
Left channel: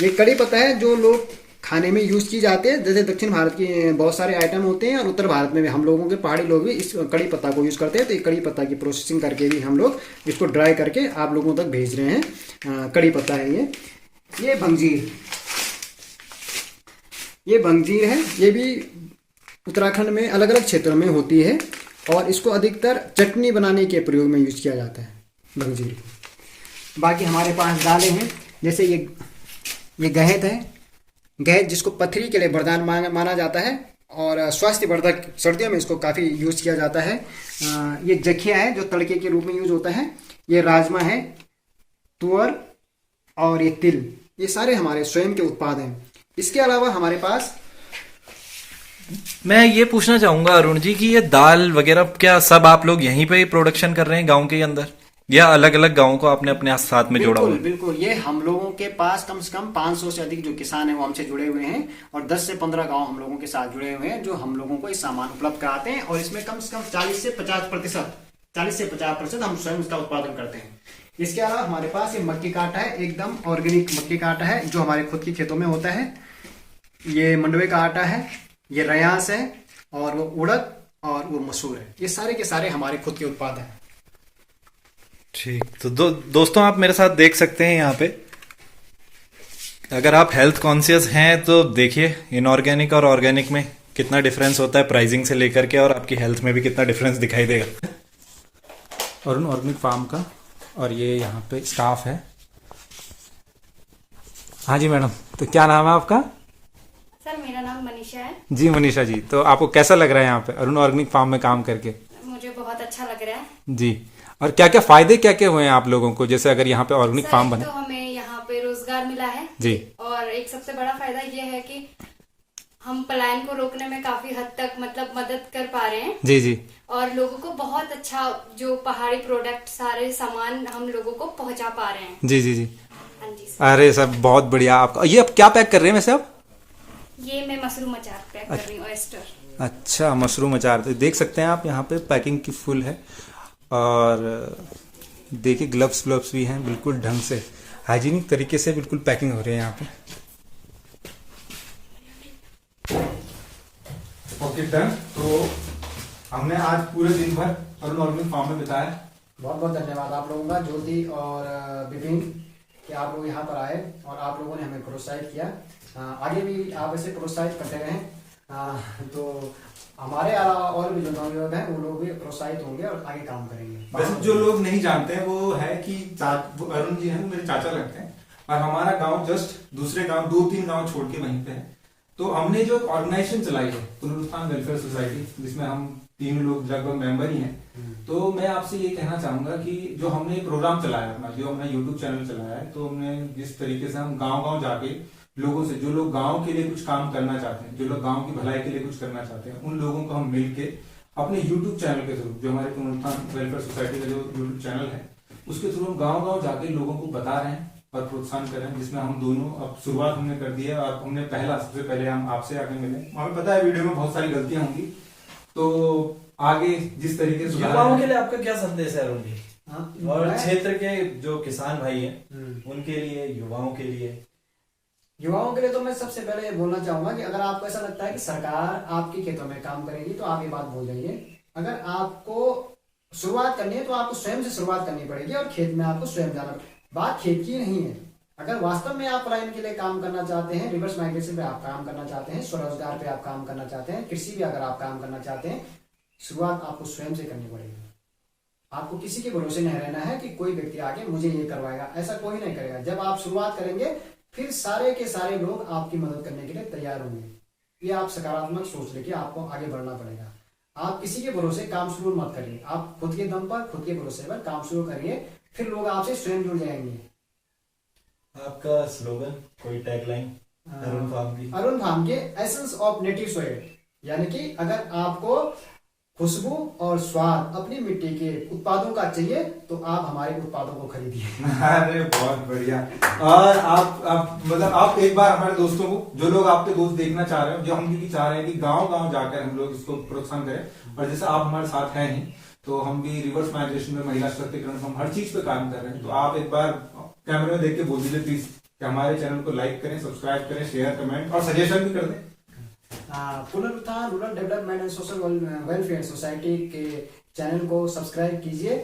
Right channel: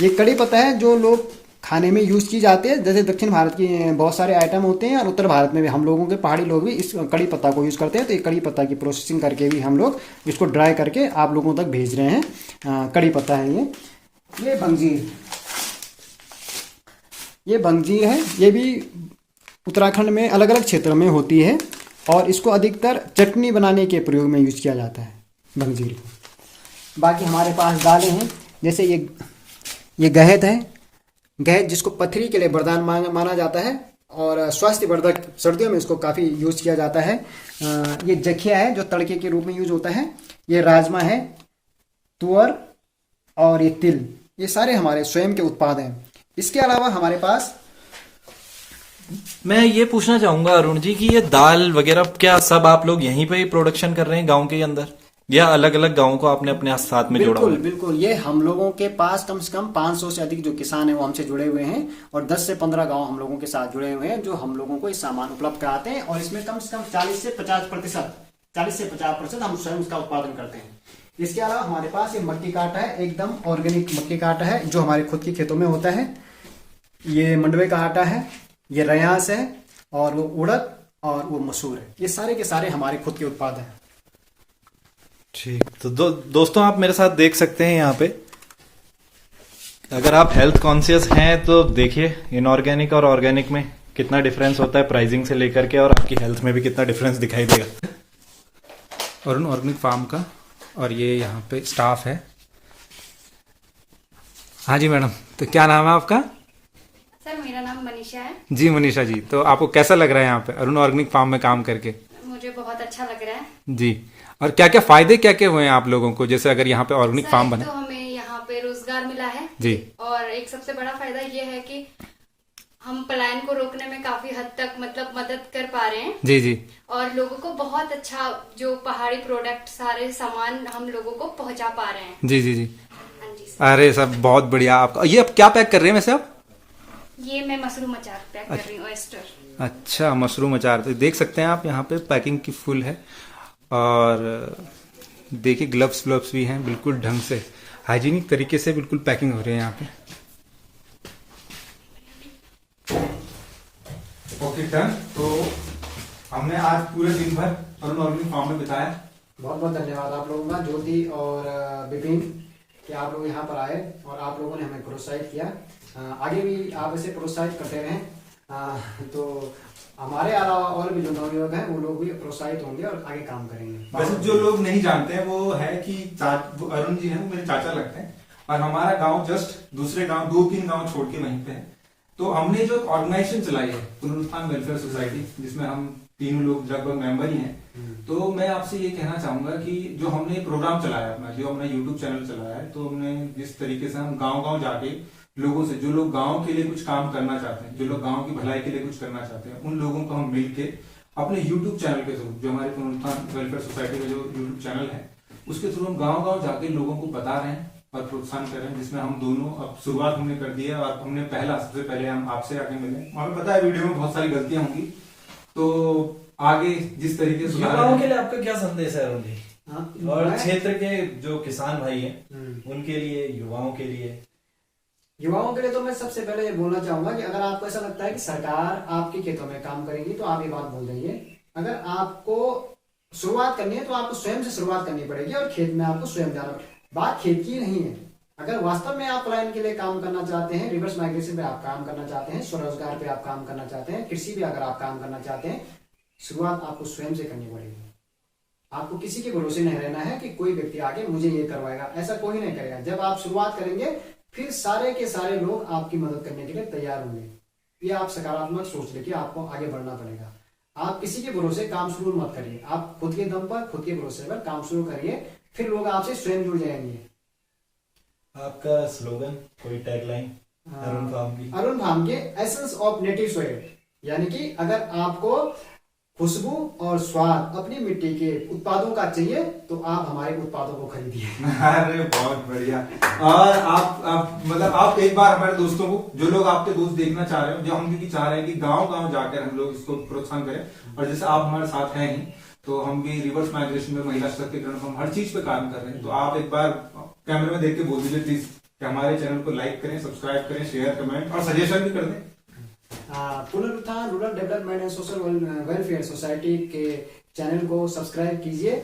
ये कड़ी पत्ता है जो लोग खाने में यूज की जाते हैं। जैसे दक्षिण भारत की बहुत सारे आइटम होते हैं, और उत्तर भारत में भी हम लोगों के पहाड़ी लोग भी इस कड़ी पत्ता को यूज करते हैं। तो ये कड़ी पत्ता की प्रोसेसिंग करके भी हम लोग इसको ड्राई करके आप लोगों तक भेज रहे हैं। कड़ी पत्ता है ये भंगजीर। ये भंगजीर है। ये भी उत्तराखंड में अलग अलग क्षेत्रों में होती है, और इसको अधिकतर चटनी बनाने के प्रयोग में यूज किया जाता है, भंगजीर। बाकी हमारे पास दालें हैं, जैसे ये गहत है। गहत जिसको पथरी के लिए वरदान माना जाता है, और स्वास्थ्यवर्धक, सर्दियों में इसको काफ़ी यूज किया जाता है। ये जखिया है जो तड़के के रूप में यूज होता है। ये राजमा है, तुअर, और ये तिल। ये सारे हमारे स्वयं के उत्पाद हैं। इसके अलावा हमारे पास, मैं ये पूछना चाहूंगा अरुण जी कि ये दाल वगैरह क्या सब आप लोग यहीं पे प्रोडक्शन कर रहे हैं गांव के अंदर, या अलग अलग गांवों को आपने अपने साथ में जोड़ा हुआ है? बिल्कुल, ये हम लोगों के पास कम से कम 500 से अधिक जो किसान हैं वो हमसे जुड़े हुए हैं, और 10 से 15 गांव हम लोगों के साथ जुड़े हुए हैं, जो हम लोगों को ये सामान उपलब्ध कराते हैं। और इसमें कम से कम 40 से 50% हम स्वयं इसका उत्पादन करते हैं। इसके अलावा हमारे पास ये मक्की का आटा है, एकदम ऑर्गेनिक मक्की का आटा है, जो हमारे खुद के खेतों में होता है। ये मंडवे का आटा है, ये रयास है, और वो उड़द, और वो मसूर है। ये सारे के सारे हमारे खुद के उत्पाद हैं। ठीक, तो दोस्तों आप मेरे साथ देख सकते हैं यहाँ पे, अगर आप हेल्थ कॉन्शियस हैं तो देखिए इनऑर्गेनिक और ऑर्गेनिक में कितना डिफरेंस होता है, प्राइसिंग से लेकर के, और आपकी हेल्थ में भी कितना डिफरेंस दिखाई देगा। अरुण ऑर्गेनिक फार्म का, और ये यहाँ पे स्टाफ है। हाँ जी मैडम, तो क्या नाम है आपका? सर मेरा नाम मनीषा है। जी मनीषा जी, तो आपको कैसा लग रहा है यहाँ पे अरुण ऑर्गेनिक फार्म में काम करके? मुझे बहुत अच्छा लग रहा है। जी, और क्या क्या फायदे क्या क्या हुए हैं आप लोगों को, जैसे अगर यहाँ पे ऑर्गेनिक सर, फार्म एक बने? तो हमें यहाँ पे रोजगार मिला है जी और एक सबसे बड़ा फायदा ये है कि हम पलायन को रोकने में काफी हद तक मतलब मदद कर पा रहे हैं जी जी। और लोगों को बहुत अच्छा जो पहाड़ी प्रोडक्ट सारे सामान हम लोगों को पहुंचा पा रहे हैं। जी जी जी। हाँ जी सर। अरे सब बहुत बढ़िया। आपका ये अब क्या पैक कर रहे हैं वैसे आप? ये मैं मशरूम अचार पैक कर रही हूँ, ऑयस्टर। अच्छा, मशरूम अचार। तो देख सकते हैं आप यहाँ पे पैकिंग की फुल है और देखिए ग्लव्स व्लव्स भी हैं, बिल्कुल ढंग से हाइजीनिक तरीके से बिल्कुल पैकिंग हो रही है यहाँ पे। Okay done. तो हमने आज पूरे दिन भर अरुण ऑर्गेनिक फार्म में बिताया। बहुत बहुत धन्यवाद आप लोगों का, ज्योति और विपिन, कि आप लोग यहाँ पर आए और आप लोगों ने हमें प्रोत्साहित किया। आगे भी आप ऐसे प्रोत्साहित करते रहें, तो हमारे अलावा और भी जो नौजवान हैं वो लोग भी प्रोत्साहित होंगे और आगे काम करेंगे। वैसे जो लोग नहीं जानते हैं वो है कि वो अरुण जी हैं, मेरे चाचा लगते हैं और हमारा गांव जस्ट दूसरे गांव 2-3 गांव छोड़ के वहीं पे है। तो हमने जो ऑर्गेनाइजेशन चलाई है पुनरुत्थान वेलफेयर सोसाइटी, जिसमें हम 3 लोग लगभग मेंबर ही हैं, तो मैं आपसे ये कहना चाहूंगा कि जो हमने प्रोग्राम चलाया अपना, जो हमने यूट्यूब चैनल चलाया है, तो हमने जिस तरीके से हम गाँव गाँव जाके लोगों से, जो लोग गांव के लिए कुछ काम करना चाहते हैं, जो लोग गांव की भलाई के लिए कुछ करना चाहते हैं, उन लोगों को हम मिलके अपने यूट्यूब चैनल के थ्रू, जो हमारे पुनरुत्थान वेलफेयर सोसाइटी का जो यूट्यूब चैनल है, उसके थ्रू हम गांव गांव जाके लोगों को बता रहे हैं और प्रोत्साहन कर रहे हैं, जिसमें हम दोनों अब शुरुआत हमने कर दी है। और हमने सबसे पहले हम आपसे आके मिले। हमें पता है वीडियो में बहुत सारी गलतियां होंगी, तो आगे जिस तरीके से युवाओं के लिए आपका क्या संदेश है अरुण जी? हाँ, और क्षेत्र के जो किसान भाई हैं उनके लिए, युवाओं के लिए? युवाओं के लिए तो मैं सबसे पहले ये बोलना चाहूंगा कि अगर आपको ऐसा लगता है कि सरकार आपके खेतों में काम करेगी तो आप ये बात भूल जाइए। अगर आपको शुरुआत करनी है तो आपको स्वयं से शुरुआत करनी पड़ेगी और खेत में आपको स्वयं जाना पड़ेगा। बात खेत की नहीं है। अगर वास्तव में आप पलायन के लिए काम करना चाहते हैं, रिवर्स माइग्रेशन पे आप काम करना चाहते हैं, स्वरोजगार पे आप काम करना चाहते हैं, कृषि भी अगर आप काम करना चाहते हैं, शुरुआत आपको स्वयं से करनी पड़ेगी। आपको किसी के भरोसे नहीं रहना है कि कोई व्यक्ति आके मुझे ये करवाएगा, ऐसा कोई नहीं करेगा। जब आप शुरुआत करेंगे फिर सारे के सारे लोग आपकी मदद करने के लिए तैयार होंगे। ये आप सकारात्मक सोच लेके आपको आगे बढ़ना पड़ेगा। आप किसी के भरोसे काम शुरू मत करिए, आप खुद के दम पर, खुद के भरोसे पर काम शुरू करिए, फिर लोग आपसे स्वयं जुड़ जाएंगे। आपका स्लोगन, कोई टैगलाइन अरुण फार्म की? अरुण फार्म के एसेंस ऑफ नेटिव सॉइल, यानी कि अगर आपको खुशबू और स्वाद अपनी मिट्टी के उत्पादों का चाहिए तो आप हमारे उत्पादों को खरीदिए। अरे बहुत बढ़िया। और आप मतलब आप एक बार हमारे दोस्तों को, जो लोग आपके दोस्त देखना चाह रहे हो, जो हम भी चाह रहे हैं कि गांव गांव जाकर हम लोग इसको प्रोत्साहन करें, और जैसे आप हमारे साथ हैं ही, तो हम भी रिवर्स माइग्रेशन में, महिला सशक्तिकरण, हम हर चीज पे काम कर रहे हैं। तो आप एक बार कैमरे में देख के बोल दीजिए प्लीज कि हमारे चैनल को लाइक करें, सब्सक्राइब करें, शेयर, कमेंट और सजेशन भी कर दें। पुनरुत्थान rural development and social welfare society के चैनल को सब्सक्राइब कीजिए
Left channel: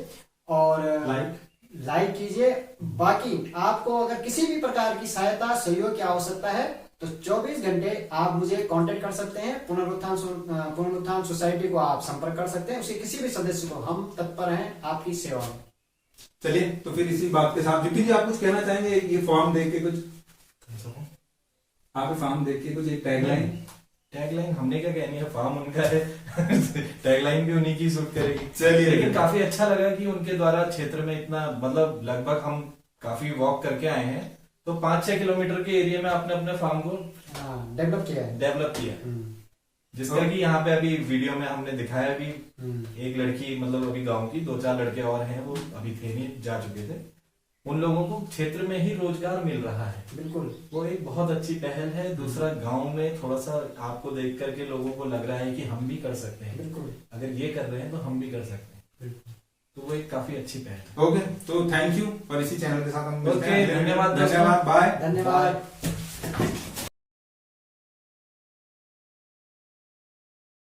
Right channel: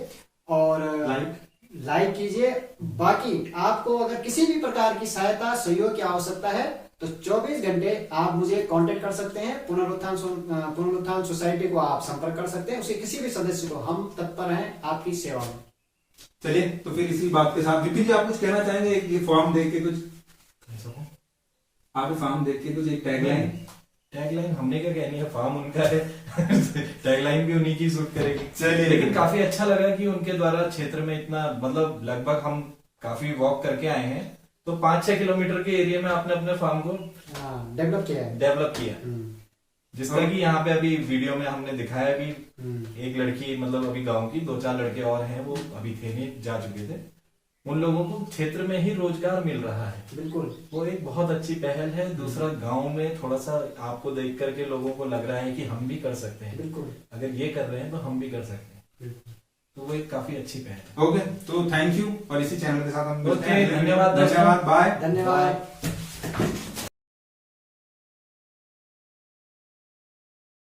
और लाइक कीजिए। बाकी आपको अगर किसी भी प्रकार की सहायता, सहयोग की आवश्यकता है तो 24 घंटे आप मुझे कांटेक्ट कर सकते हैं। पुनरुत्थान सोसाइटी को आप संपर्क कर सकते हैं, उसके किसी भी सदस्य को हम तत्पर हैं आपकी सेवा में। चलिए, तो फिर इसी बात के साथ विपिन जी आप कुछ कहना चाहेंगे? ये फॉर्म देख के कुछ, आप फॉर्म देख के कुछ एक टैगलाइन हमने क्या कहनी है, फार्म उनका है टैगलाइन भी उन्हीं की सूट करेगी। चलिए, लेकिन काफी अच्छा लगा कि उनके द्वारा क्षेत्र में इतना, मतलब लगभग हम काफी वॉक करके आए हैं, तो 5-6 किलोमीटर के एरिया में आपने अपने फार्म को डेवलप किया, जिस तरह की यहाँ पे अभी वीडियो में हमने दिखाया कि एक लड़की, मतलब अभी गांव की 2-4 लड़के और हैं, वो अभी थे नहीं, जा चुके थे, उन लोगों को क्षेत्र में ही रोजगार मिल रहा है। बिल्कुल, वो एक बहुत अच्छी पहल है। दूसरा, गांव में थोड़ा सा आपको देख करके लोगों को लग रहा है कि हम भी कर सकते हैं। बिल्कुल, अगर ये कर रहे हैं तो हम भी कर सकते हैं। बिल्कुल, तो वो एक काफी अच्छी पहल है। ओके, तो थैंक यू। और इसी चैनल के साथ हम ओके, धन्यवाद, बाय, धन्यवाद।